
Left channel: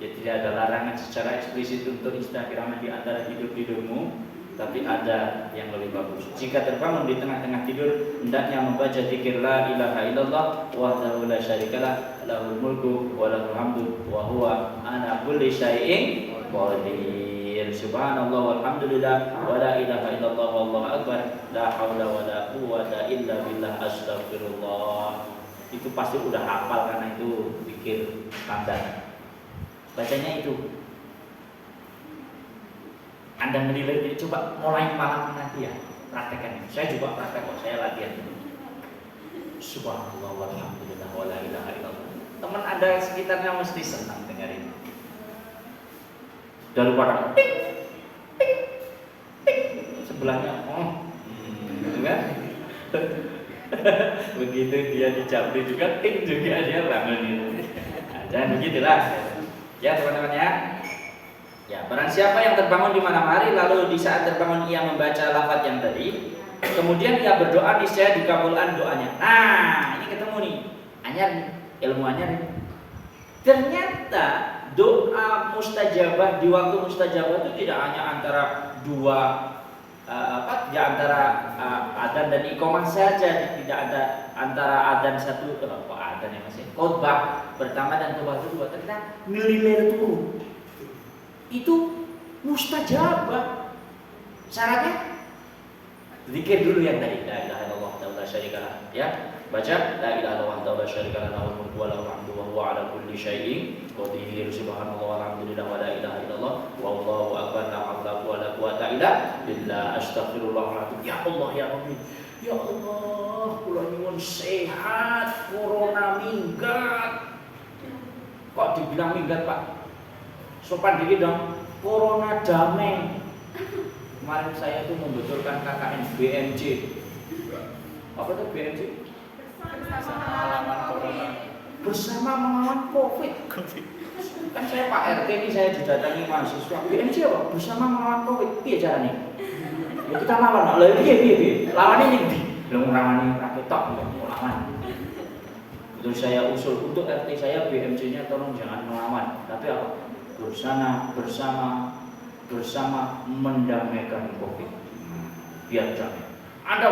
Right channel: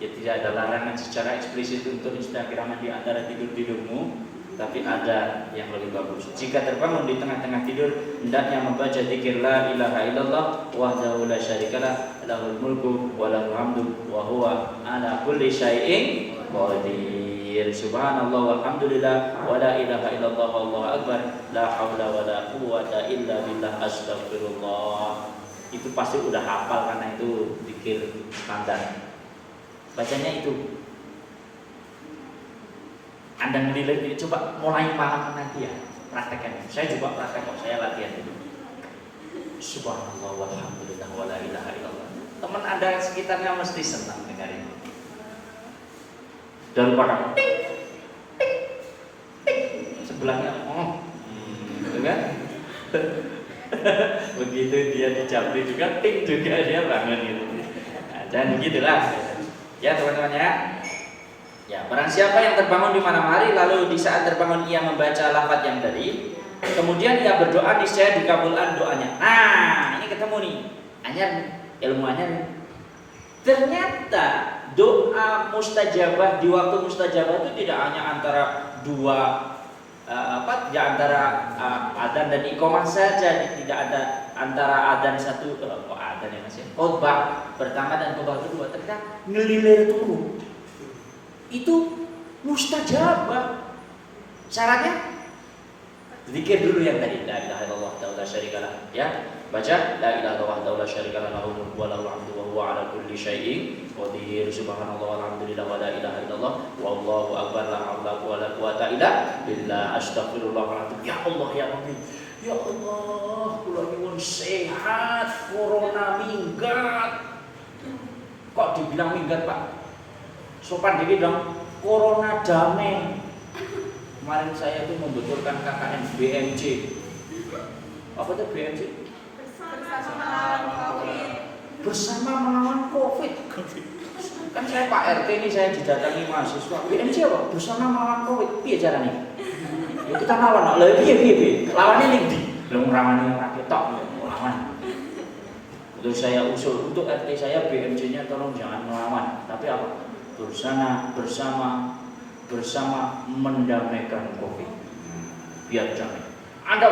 Ya tidak ada larangan secara eksplisit untuk Instagraman di antara tidurmu, tapi ada yang lebih bagus. Jika terbangun di tengah-tengah tidur, hendaknya membaca zikir la ilaha illallah wahdahu la syarikalah lahul mulku wa lahul hamdu wa huwa ala kulli syai'in qadir. Subhanallah walhamdulillah wa la ilaha illallah wallahu akbar la haula wa la quwwata illa billah astagfirullah. Itu pasti udah hafal karena itu zikir standar. Bacanya itu. Anda menilai ini, coba mulai malam nanti ya praktekkan. Saya juga praktek kok, saya latihan ini. Subhanallah walhamdulillah wa la ilaha illallah. Teman Anda sekitarnya mesti senang dengar ini. Daripada ting ting ting sebelahnya gitu kan? Begitu dia dicabli juga ting juga dia bangun itu. Nah, jangan begitulah. Ya teman-teman ya. Ya, barang siapa yang terbangun di malam hari lalu di saat terbangun ia membaca lafaz yang tadi, kemudian ia berdoa niscaya dikabulkan doanya. Nah, ini ketemu nih. Anyar ilmu anyar. Ternyata doa mustajabah di waktu mustajabah itu tidak hanya antara dua adzan dan iqamah saja, tidak ada antara adzan satu adzan ya Mas ya. Khotbah pertama dan khotbah kedua ternyata ngelilir turun. Itu mustajabah. Syaratnya zikir dulu yang tadi la ilaha illallah la syarikalah ya. Baca la ilaha illallah la syarikalah lahul mulku wa lahul hamdu wa huwa ala kulli syai'in qadir. Subhanallah walhamdulillah wa la ilaha illallah wallahu akbar la haula wa la quwwata illa billah astagfirullahaladzim. Ya Allah ya Rabbi. Ya Allah, kula nyuwun sehat, corona minggat. Kok dibilang minggat, Pak? Sopan dikit dong, corona damai. Kemarin saya tuh membutuhkan KKN BMJ. Apa tuh BMJ? Bersama melawan COVID. Kan saya Pak RT ini saya didatangi mahasiswa. BMJ apa? Bersama melawan COVID. Piye caranya? Ya kita lawan. Lah piye? Lawannya ning ndi? Lha ngrawani ra ketok lawan. Terus saya usul untuk RT saya BMJ-nya tolong jangan melawan, tapi apa? bersama mendamaikan COVID. Biar damai. Anda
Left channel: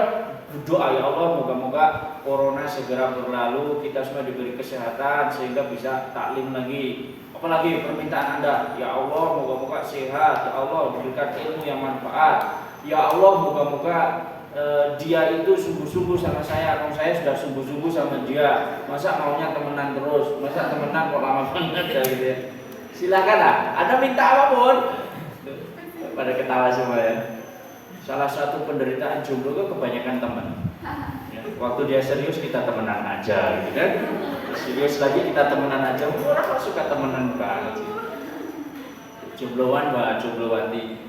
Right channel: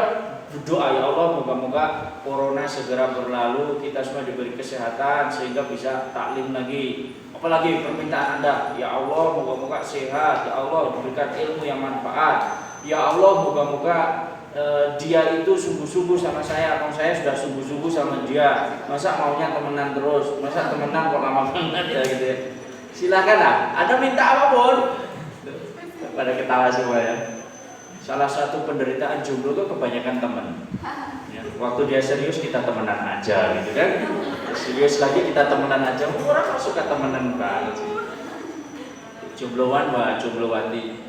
berdoa ya Allah, moga-moga corona segera berlalu, kita semua diberi kesehatan sehingga bisa taklim lagi. Apalagi permintaan Anda, ya Allah moga-moga sehat, ya Allah diberikan ilmu yang manfaat, ya Allah moga-moga dia itu sungguh-sungguh sama saya, kalau saya sudah sungguh-sungguh sama dia, masa maunya temenan terus, masa temenan kok lama banget ya gitu ya. Silakanlah, Anda minta apapun. Pada ketawa semua ya. Salah satu penderitaan jomblo itu kebanyakan teman. Ya, waktu dia serius kita temenan aja gitu kan. Serius lagi kita temenan aja. Orang kok suka temenan banget sih. Jombloan mbak, jomblowati.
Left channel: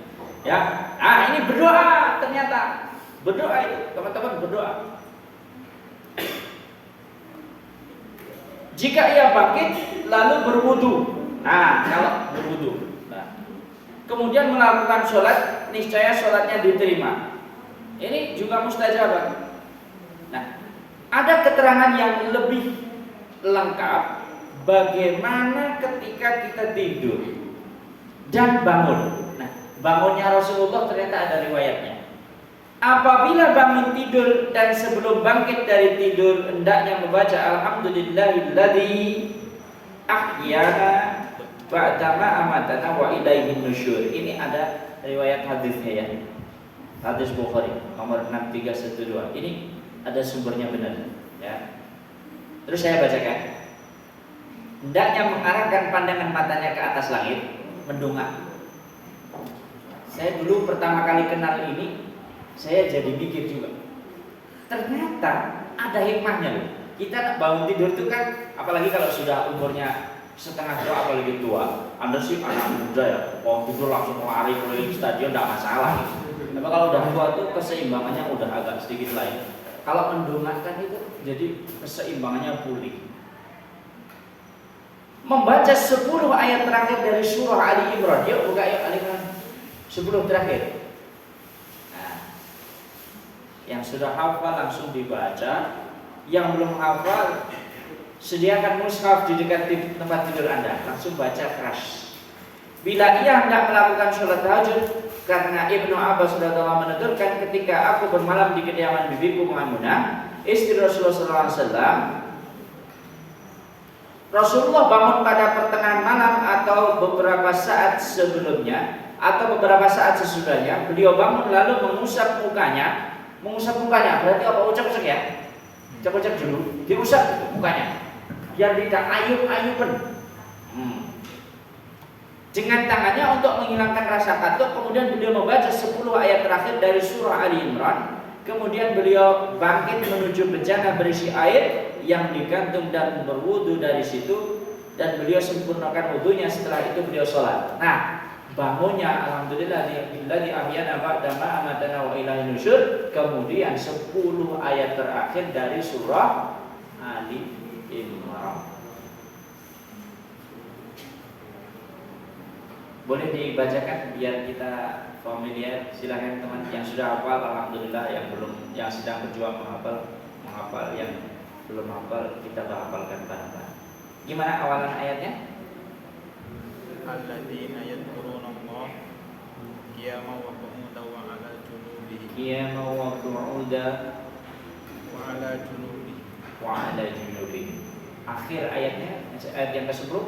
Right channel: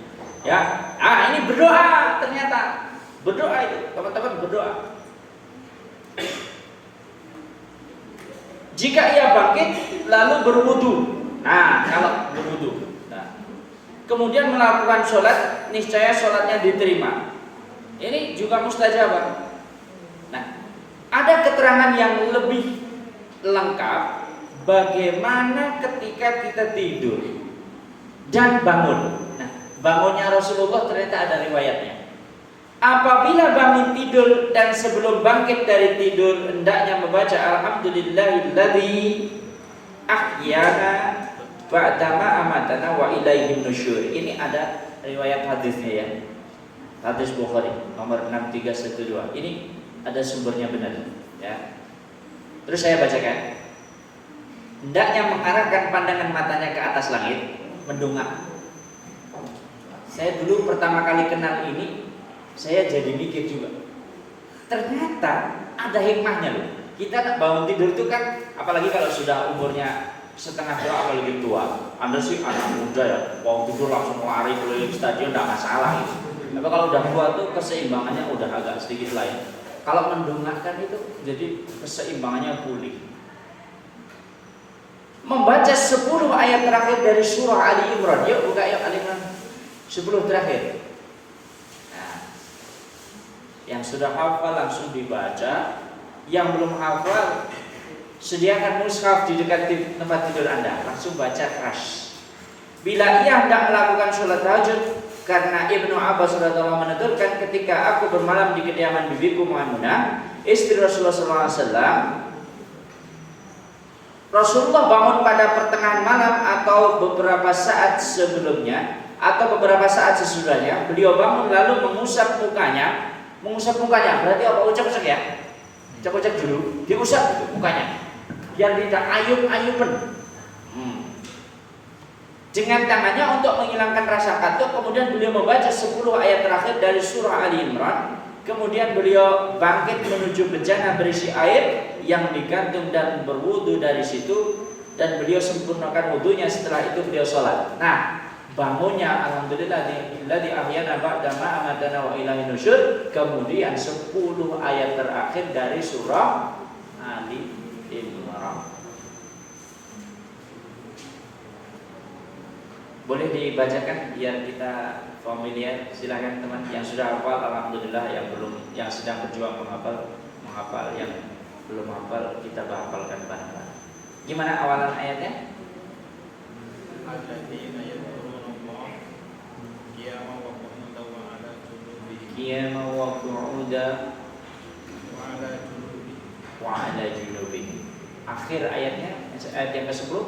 Ya, ini berdoa ternyata. Berdoa itu, teman-teman berdoa. Jika ia bangkit lalu berwudu. Nah, kalau berwudu. Nah, kemudian melakukan sholat, niscaya sholatnya diterima. Ini juga mustajabah. Nah, ada keterangan yang lebih lengkap bagaimana ketika kita tidur. dan bangun. Nah, bangunnya Rasulullah ternyata ada riwayatnya. Apabila bangun tidur dan sebelum bangkit dari tidur hendaknya membaca alhamdulillahilladzi ahyana ba'dama amatana wa ilaihin nusyur. Ini ada riwayat hadisnya ya. Hadis Bukhari nomor 6312. Ini ada sumbernya benar ya. Terus saya bacakan. Hendaknya mengarahkan pandangan matanya ke atas langit, mendongak. Saya dulu pertama kali kenal ini, saya jadi mikir juga. Ternyata ada hikmahnya loh. Kita nak bangun tidur itu kan, apalagi kalau sudah umurnya setengah tua apalagi tua. Anda sih anak muda ya, bangun tidur langsung lari keliling stadion tidak masalah gitu. Tapi kalau udah tua tuh keseimbangannya udah agak sedikit lain. Kalau mendongakkan itu jadi keseimbangannya pulih. Membaca 10 ayat terakhir dari surah Ali Imran. Yuk buka yuk Ali Imran 10 terakhir. Nah, yang sudah hafal langsung dibaca. Yang belum hafal, sediakan mushaf di dekat tempat tidur Anda, langsung baca crash. Bila ia hendak melakukan sholat tahajud, karena Ibnu Abbas radhiyallahu menuturkan ketika aku bermalam di kediaman bibiku Maimunah, istri Rasulullah SAW, Rasulullah bangun pada pertengahan malam atau beberapa saat sebelumnya atau beberapa saat sesudahnya. Beliau bangun lalu mengusap mukanya. Mengusap mukanya berarti apa? Ucap-ucap ya? Ucap-ucap dulu, diusap itu mukanya biar tidak ayub-ayuban. Dengan tangannya untuk menghilangkan rasa kantuk. Kemudian beliau membaca 10 ayat terakhir dari surah Ali Imran. Kemudian beliau bangkit menuju bejana berisi air yang digantung dan berwudu dari situ, dan beliau sempurnakan wudunya. Setelah itu beliau sholat. Nah, bangunnya alhamdulillahilladzi ahyana ba'dama amatana wa ilaihin nusyur. Kemudian 10 ayat terakhir dari surah Ali Imran. Boleh dibacakan biar kita familiar. Silakan teman yang sudah hafal alhamdulillah, yang belum, yang sedang berjuang menghafal, yang belum hafal kita hafalkan bareng-bareng. Gimana awalan ayatnya? Alladzina yadhkurunallah qiyaman wa qu'udan wa 'ala junubihim. Qiyaman wa qu'udan Wa 'ala junubihim. wa 'ala junubihim. Akhir ayatnya, ayat yang ke-10.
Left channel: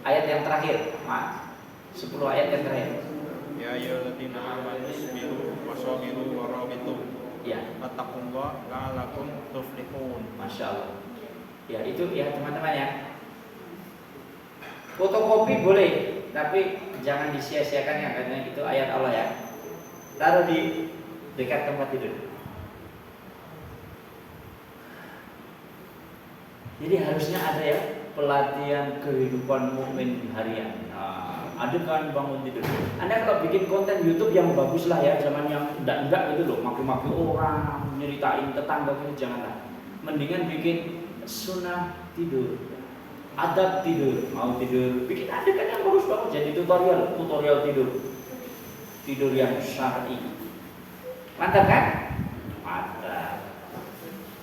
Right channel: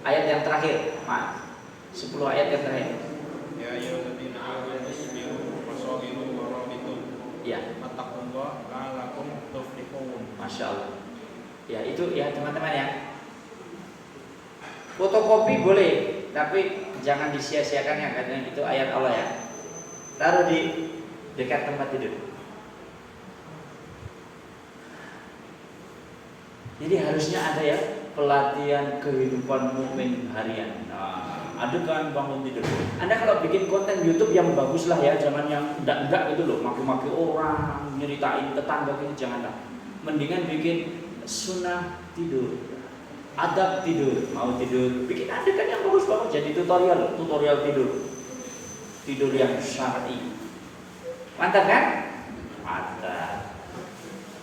Ayat yang terakhir, maaf, 10 ayat yang terakhir. Ya ayyuhalladzina amanu isbiru wa sabiru wa rabitu. Ya, Wattaqullaha la'allakum tuflihun. Masya Allah. Ya itu ya teman-teman ya. Fotokopi boleh, tapi jangan disia-siakan ya, karena itu ayat Allah ya. Taruh di dekat tempat tidur. Jadi harusnya ada ya pelatihan kehidupan mukmin harian. Nah, ada kan bangun tidur. Anda kalau bikin konten YouTube yang bagus lah ya, zaman yang enggak gitu loh, maki-maki orang, nyeritain tetangga gitu, janganlah. Mendingan bikin sunnah tidur, adab tidur, mau tidur, bikin ada kan yang bagus-bagus, jadi tutorial tidur yang syar'i. Mantap kan? Mantap.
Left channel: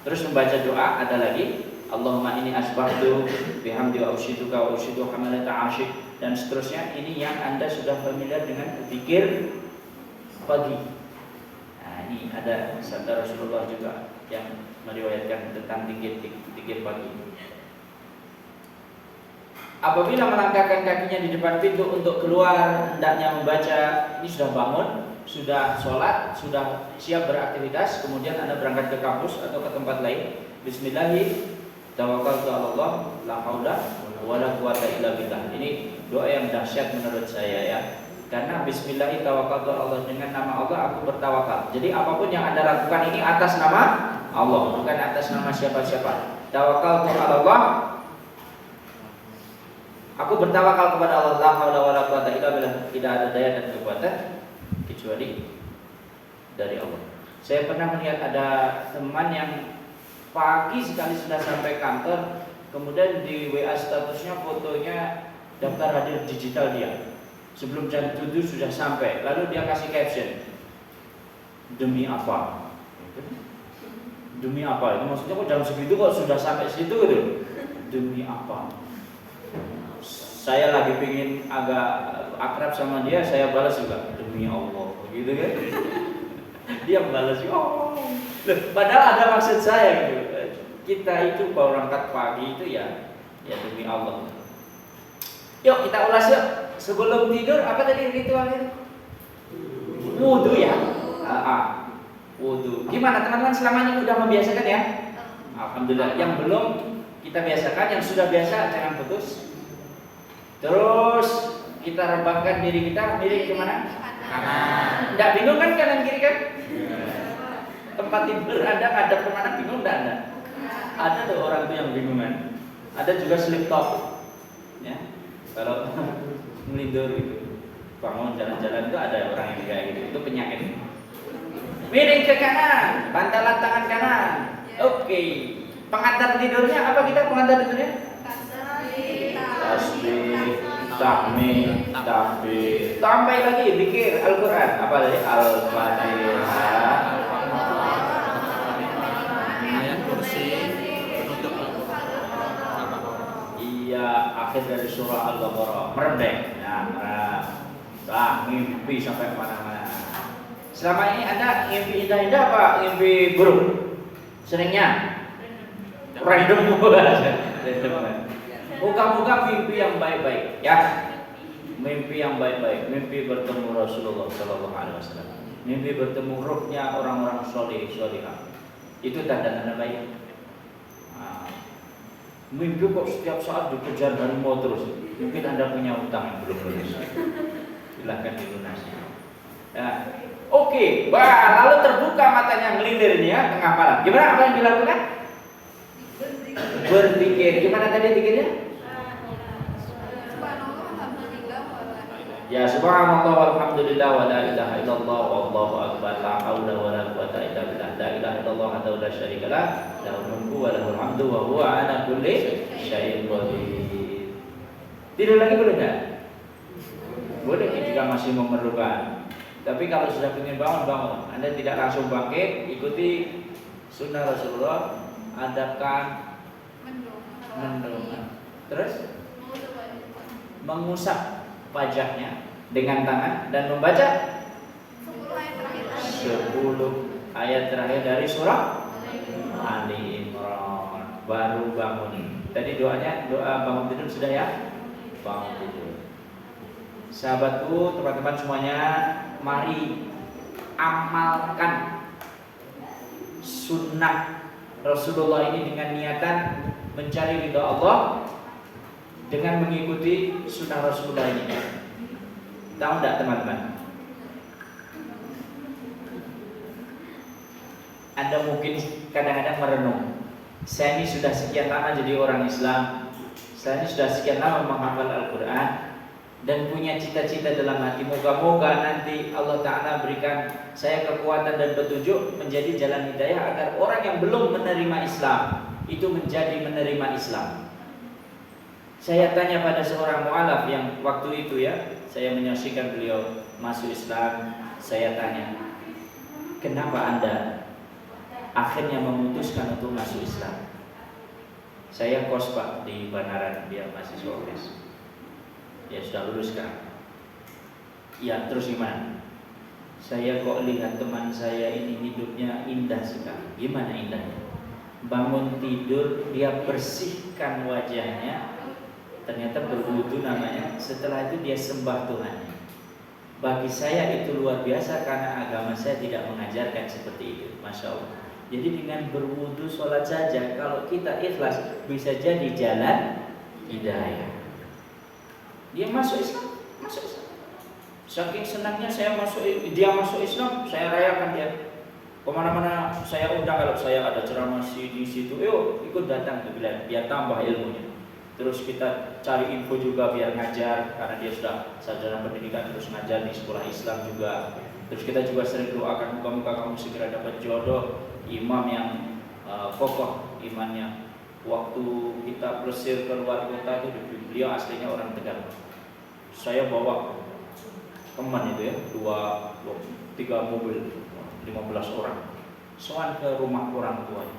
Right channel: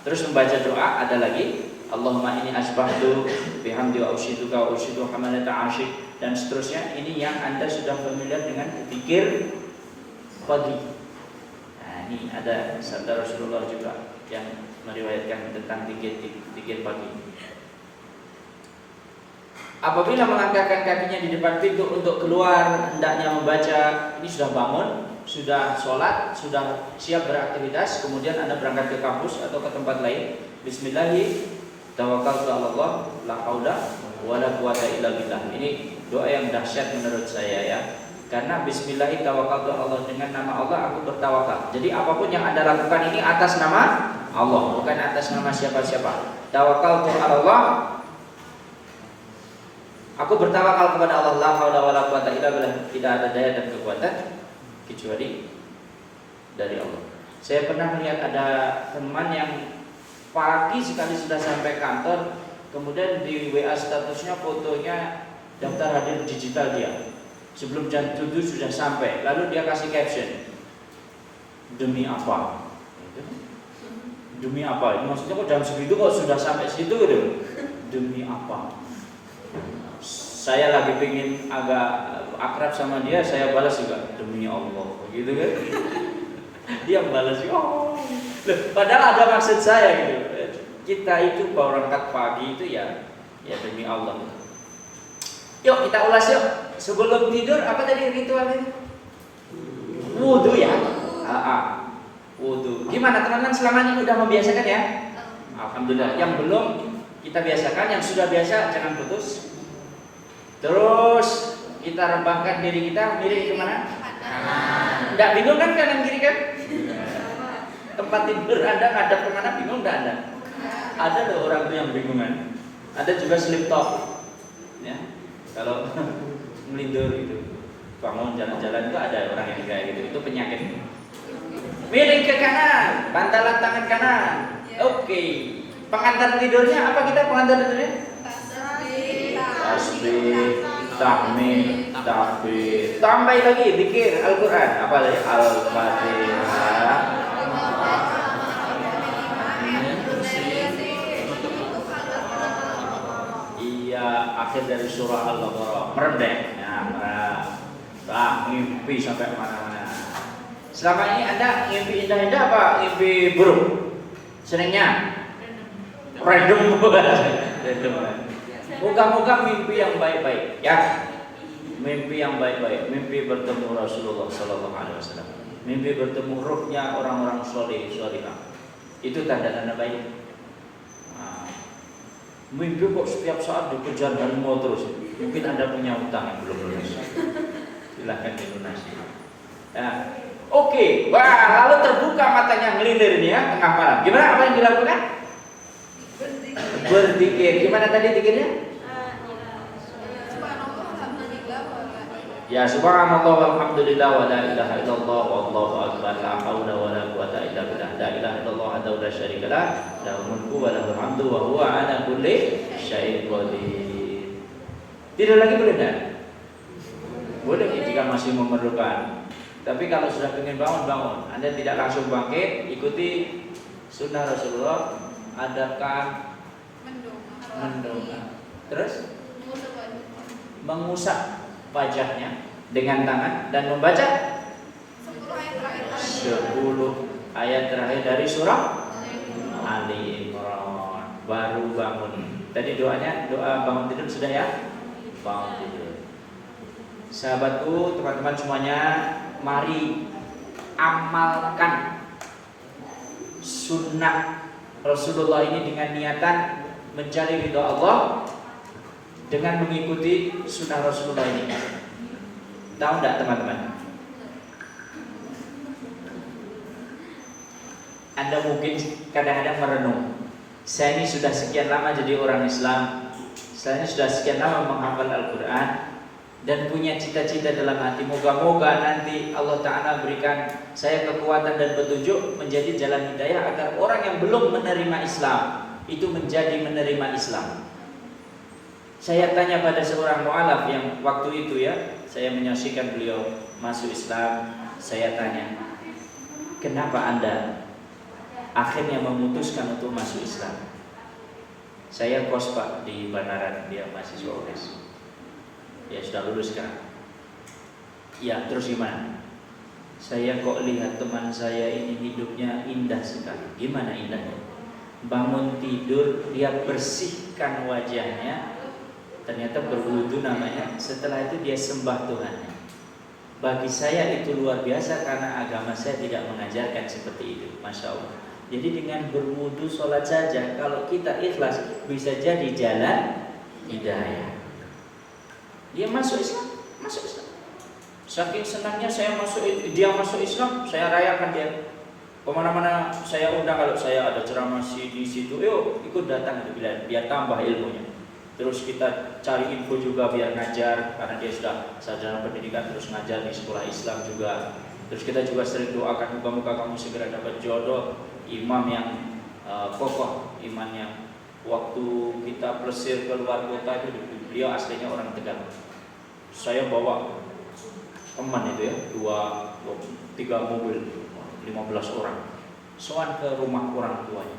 Terus membaca doa ada lagi. Allahumma inni asbahtu bihamdi wa usyiduka wa usyidu hamalata asyik, dan seterusnya. Ini yang Anda sudah familiar dengan zikir pagi. Nah, ini ada sabda Rasulullah juga yang meriwayatkan tentang zikir pagi. Apabila melangkahkan kakinya di depan pintu untuk keluar, hendaknya membaca. Ini sudah bangun, sudah sholat, sudah siap beraktivitas, kemudian Anda berangkat ke kampus atau ke tempat lain. Bismillahirrahmanirrahim. Tawakkaltu 'ala Allah, la haula wala quwata illa billah. Ini doa yang dahsyat menurut saya ya. Karena bismillah tawakkaltu 'ala Allah, dengan nama Allah aku bertawakal. Jadi apapun yang Anda lakukan ini atas nama Allah, bukan atas nama siapa-siapa. Tawakkaltu 'ala Allah, aku bertawakal kepada Allah, la haula wala quwata illa billah. Tidak ada daya dan kekuatan kecuali dari Allah. Saya pernah melihat ada teman yang pagi sekali sudah sampai kantor, kemudian di WA statusnya fotonya daftar hadir digital dia. Sebelum jam 7 sudah sampai, lalu dia kasih caption, demi apa? Demi apa? Maksudnya kok jam segitu kok sudah sampai situ gitu? Demi apa? Saya lagi pengen agak akrab sama dia, saya balas juga demi Allah, begitu kan? Dia balas juga. Oh. Loh, padahal ada maksud saya gitu. Kita itu berangkat pagi itu ya demi Allah. Yuk kita ulas yuk. Sebelum tidur apa tadi ritualnya? Wudu ya. Wudu. Gimana teman-teman selama ini udah membiasakan ya? Alhamdulillah. Yang belum kita biasakan, yang sudah biasa jangan putus. Terus kita rebahkan diri kita miring kemana? Kanan. Nggak bingung kan kanan kiri kan? Tempat tidur Anda ngadep ke kanan bingung nggak Anda? Ada loh orang tuh yang bingungan. Ada juga sleep talk. Ya, kalau melindur gitu, bangun jalan-jalan itu ada orang yang kayak gitu. Itu penyakit. Miring ke kanan, bantalan tangan kanan. Oke. Pengantar tidurnya apa kita pengantar tidurnya? Tasbih, tahmid, takbir. Tambah lagi zikir Al-Qur'an. Apa tadi? Al-Fatihah. Iya, akhir dari surah Al-Baqarah. Merem deh. Ya, merem. Ngimpi sampai mana-mana. Selama ini Anda ngimpi indah-indah apa ngimpi buruk? Seringnya random. Moga-moga mimpi yang baik-baik ya. Mimpi yang baik-baik, mimpi bertemu Rasulullah sallallahu alaihi wasallam. Mimpi bertemu ruhnya orang-orang soleh solihah. Itu tanda-tanda baik. Mimpi kok setiap saat dikejar harimau terus. Mungkin Anda punya utang yang belum lunas. Silakan dilunasi. Ya. Oke, lalu terbuka matanya ngelilir ini ya tengah malam. Gimana apa yang dilakukan? Berzikir. Gimana tadi zikirnya? Ya subhanallah walhamdulillah wa la ilaha illallah wallahu akbar la haula wa la quwata illa billah la ilaha illallah wahdahu la syarika lah lahul mulku wa lahul hamdu wa huwa ala kulli syai'in qadir. Tidur lagi boleh enggak? Boleh jika masih memerlukan. Tapi kalau sudah ingin bangun. Anda tidak langsung bangkit, ikuti sunnah Rasulullah, adakan mendongak. Terus mengusap wajahnya dengan tangan dan membaca 10 ayat terakhir dari surah Ali Imran. Baru bangun. Tadi doanya doa bangun tidur sudah ya? Bangun tidur. Sahabatku, teman-teman semuanya, mari amalkan sunnah Rasulullah ini dengan niatan mencari ridha Allah dengan mengikuti sunnah Rasulullah ini. Tahu enggak teman-teman? Anda mungkin kadang-kadang merenung. Saya ini sudah sekian lama jadi orang Islam. Saya ini sudah sekian lama menghafal Al-Quran dan punya cita-cita dalam hati. Moga-moga nanti Allah Ta'ala berikan saya kekuatan dan petunjuk menjadi jalan hidayah agar orang yang belum menerima Islam itu menjadi menerima Islam. Saya tanya pada seorang mu'alaf yang waktu itu ya, saya menyaksikan beliau masuk Islam. Saya tanya, kenapa Anda akhirnya memutuskan untuk masuk Islam? Saya kos Pak di Banaran, dia mahasiswa UNES. Ya sudah lulus sekarang. Ya terus gimana? Saya kok lihat teman saya ini hidupnya indah sekali. Gimana indahnya? Bangun tidur dia bersihkan wajahnya, ternyata berwudu namanya. Setelah itu dia sembah Tuhannya. Bagi saya itu luar biasa karena agama saya tidak mengajarkan seperti itu. Masya Allah. Jadi dengan berwudu sholat saja, kalau kita ikhlas bisa jadi jalan hidayah. Dia masuk Islam, masuk Islam. Saking senangnya dia masuk Islam, saya rayakan dia. Kemana-mana saya undang, kalau saya ada ceramah di situ, yuk ikut datang biar tambah ilmunya. Terus kita cari info juga biar ngajar, karena dia sudah sarjana pendidikan terus ngajar di sekolah Islam juga. Terus kita juga sering doakan muka-muka kamu segera dapat jodoh, imam yang kokoh imannya. Waktu kita plesir keluar kota itu, beliau aslinya orang Tegal. Saya bawa teman itu ya, 3 mobil, 15 orang. sowan ke rumah orang tuanya.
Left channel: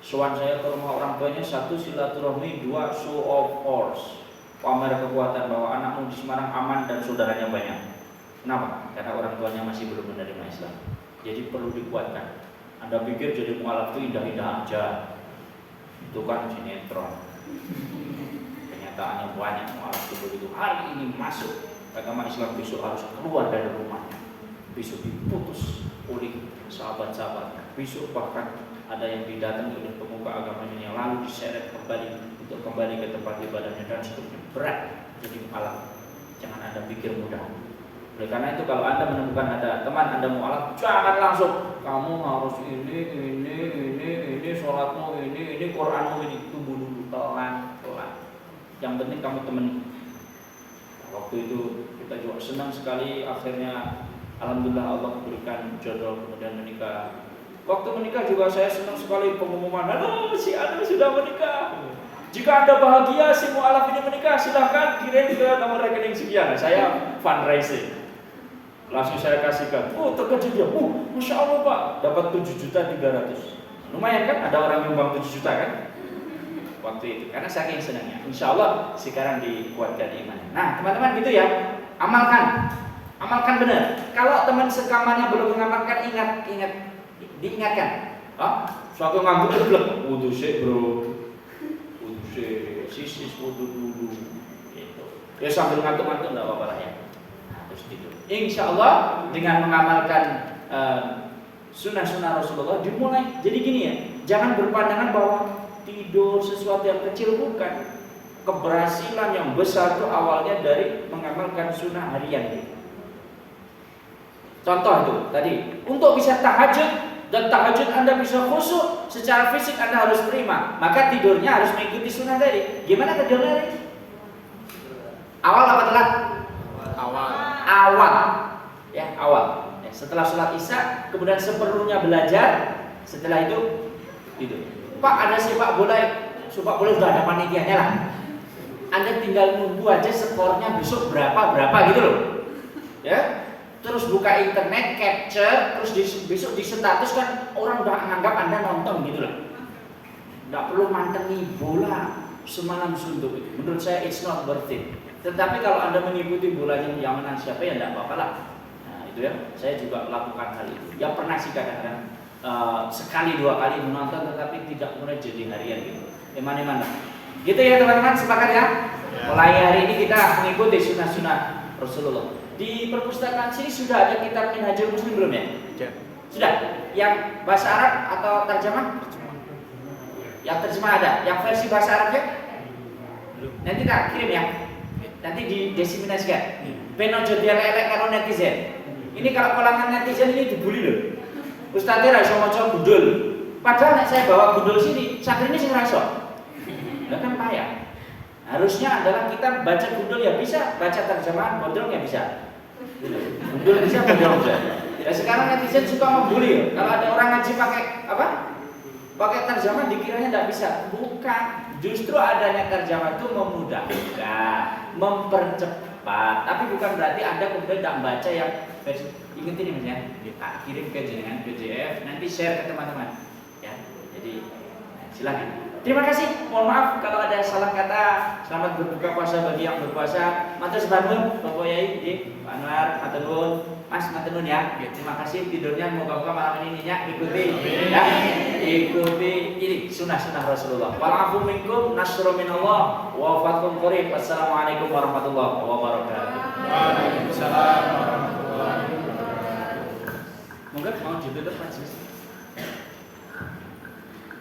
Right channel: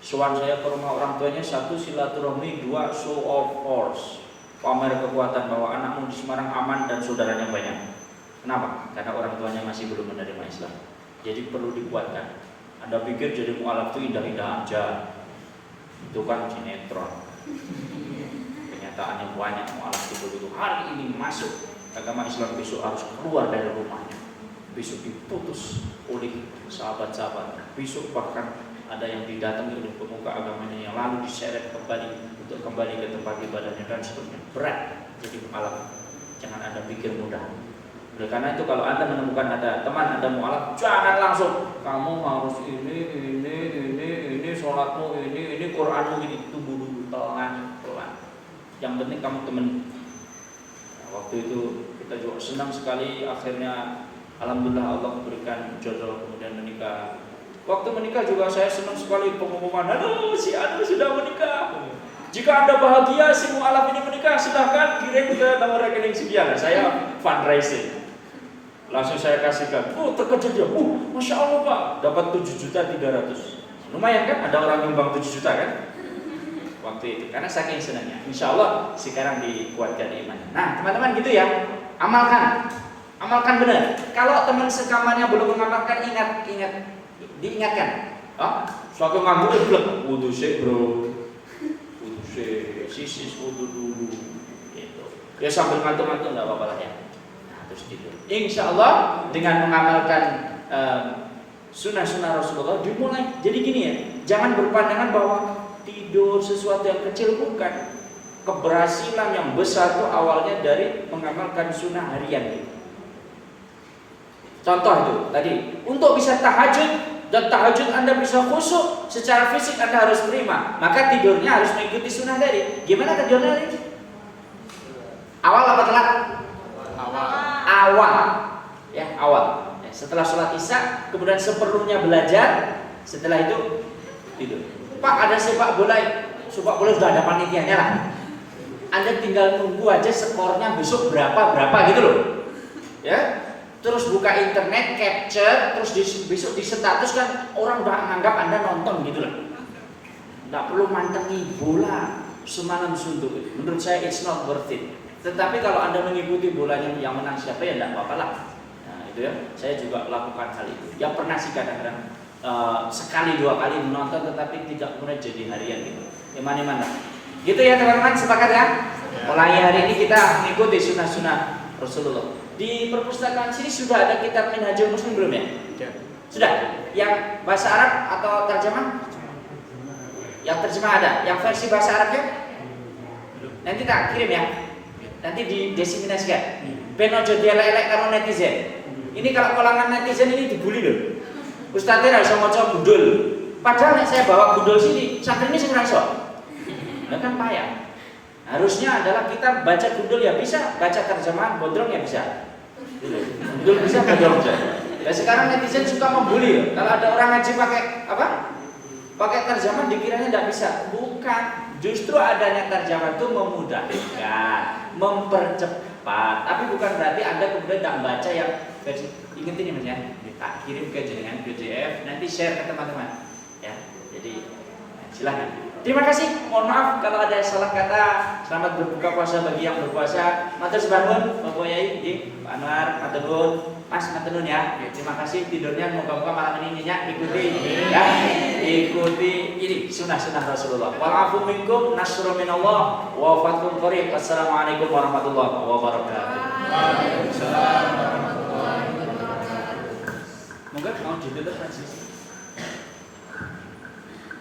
Sowan saya ke rumah orang tuanya, satu silaturahmi, dua show of force, pamer kekuatan bahwa anakmu di Semarang aman dan saudaranya banyak. Kenapa? Karena orang tuanya masih belum menerima Islam. Jadi perlu dikuatkan. Anda pikir jadi mualaf itu indah-indah aja? Itu kan sinetron. Kenyataannya banyak mualaf itu hari ini masuk agama Islam, besok harus keluar dari rumahnya, besok diputus oleh sahabat-sahabat, besok bahkan ada yang didatangi oleh pemuka agamanya yang lalu diseret kembali untuk kembali ke tempat ibadahnya dan seterusnya. Berat jadi mualaf. Jangan Anda pikir mudah. Oleh karena itu kalau Anda menemukan ada teman Anda mualaf, jangan langsung kamu harus ini sholatmu ini Quranmu ini, tunggu dulu, pelan-pelan. Yang penting kamu temani. Nah, waktu itu kita juga senang sekali, akhirnya alhamdulillah Allah berikan jodoh kemudian menikah. Waktu menikah juga saya senang sekali pengumuman, halo si Anu sudah menikah. Jika Anda bahagia si mualaf ini menikah, silahkan kirim ke nomor rekening sekian. Saya fundraising. Langsung saya kasihkan. Oh, terkejut dia. Masya Allah Pak, dapat 7.300.000. Lumayan kan? Ada orang nyumbang 7 juta kan? Waktu itu. Karena saking senangnya. Insya Allah sekarang dikuatkan imannya. Nah, teman-teman gitu ya. Amalkan. Amalkan benar. Kalau teman sekamarnya belum mengamalkan, diingatkan. Suatu ngantuk blek. Wudu sih bro. Wudu sih. Sisis wudu dulu. Gitu. Ya sambil ngantuk-ngantuk nggak apa-apa lah ya. Tidur. Insya Allah dengan mengamalkan sunnah-sunnah Rasulullah dimulai. Jadi gini ya, jangan berpandangan bahwa tidur sesuatu yang kecil, bukan. Keberhasilan yang besar itu awalnya dari mengamalkan sunnah harian. Contoh itu tadi, untuk bisa tahajud dan tahajud Anda bisa khusyuk secara fisik Anda harus terima, maka tidurnya harus mengikuti sunnah tadi. Gimana tidurnya tadi? Awal apa telat? Awal, ya awal. Ya, setelah sholat isya, kemudian seperlunya belajar, setelah itu tidur. Pak, ada sepak bola sudah ada panitianya lah. Anda tinggal nunggu aja skornya besok berapa gitu loh. Ya, terus buka internet, capture, terus besok di status kan orang udah menganggap Anda nonton gitu loh. Nggak perlu mantengi bola semalam suntuk itu. Menurut saya it's not worth it. Tetapi kalau Anda mengikuti bolanya yang menang siapa ya tidak apa-apa lah. Nah itu ya, saya juga lakukan hal itu. Ya pernah sih kadang-kadang sekali dua kali menonton, tetapi tidak mulai jadi harian gitu. Iman-iman lah. Gitu ya teman-teman, sepakat ya? Mulai hari ini kita mengikuti sunnah-sunnah Rasulullah. Di perpustakaan sini sudah ada kitab Minhajul Muslim belum ya? Sudah. Yang bahasa Arab atau terjemah? Yang terjemah ada. Yang versi bahasa Arabnya? Nanti tak kirim ya. Nanti didiseminasikan. Penojo dielek-elek karo netizen. Ini kalau kalangan netizen ini dibully loh. Ustadznya ra iso maca gundul. Padahal nek saya bawa gundul sini, santri ini sing ra iso. Lah kan payah. Harusnya adalah kita baca gundul ya bisa, baca terjemahan gondrong ya bisa. Gundul bisa, gondrong bisa. Ya sekarang netizen suka membuli ya. Kalau ada orang ngaji pakai apa? Pakai terjemahan dikiranya tidak bisa. Bukan. Justru adanya terjemahan itu memudahkan, mempercepat. Tapi bukan berarti Anda kemudian tidak baca yang versi. Ingat ini Mas ya, kita kirim ke jaringan PDF, nanti share ke teman-teman. Ya, jadi silakan. Terima kasih. Mohon maaf kalau ada salah kata. Selamat berbuka puasa bagi yang berpuasa. Matur suwun Bapak Yai, Pak Anwar, matur nuwun. Mas matur nuwun ya. Terima kasih tidurnya moga-moga malam ini nyenyak ikuti ya. Ikuti ini sunnah-sunnah Rasulullah. Wa'afu minkum nasrun minallah wa fatkum qarib. Assalamualaikum warahmatullahi wabarakatuh. Waalaikumsalam warahmatullahi wabarakatuh. Moga mau ditutup majelis.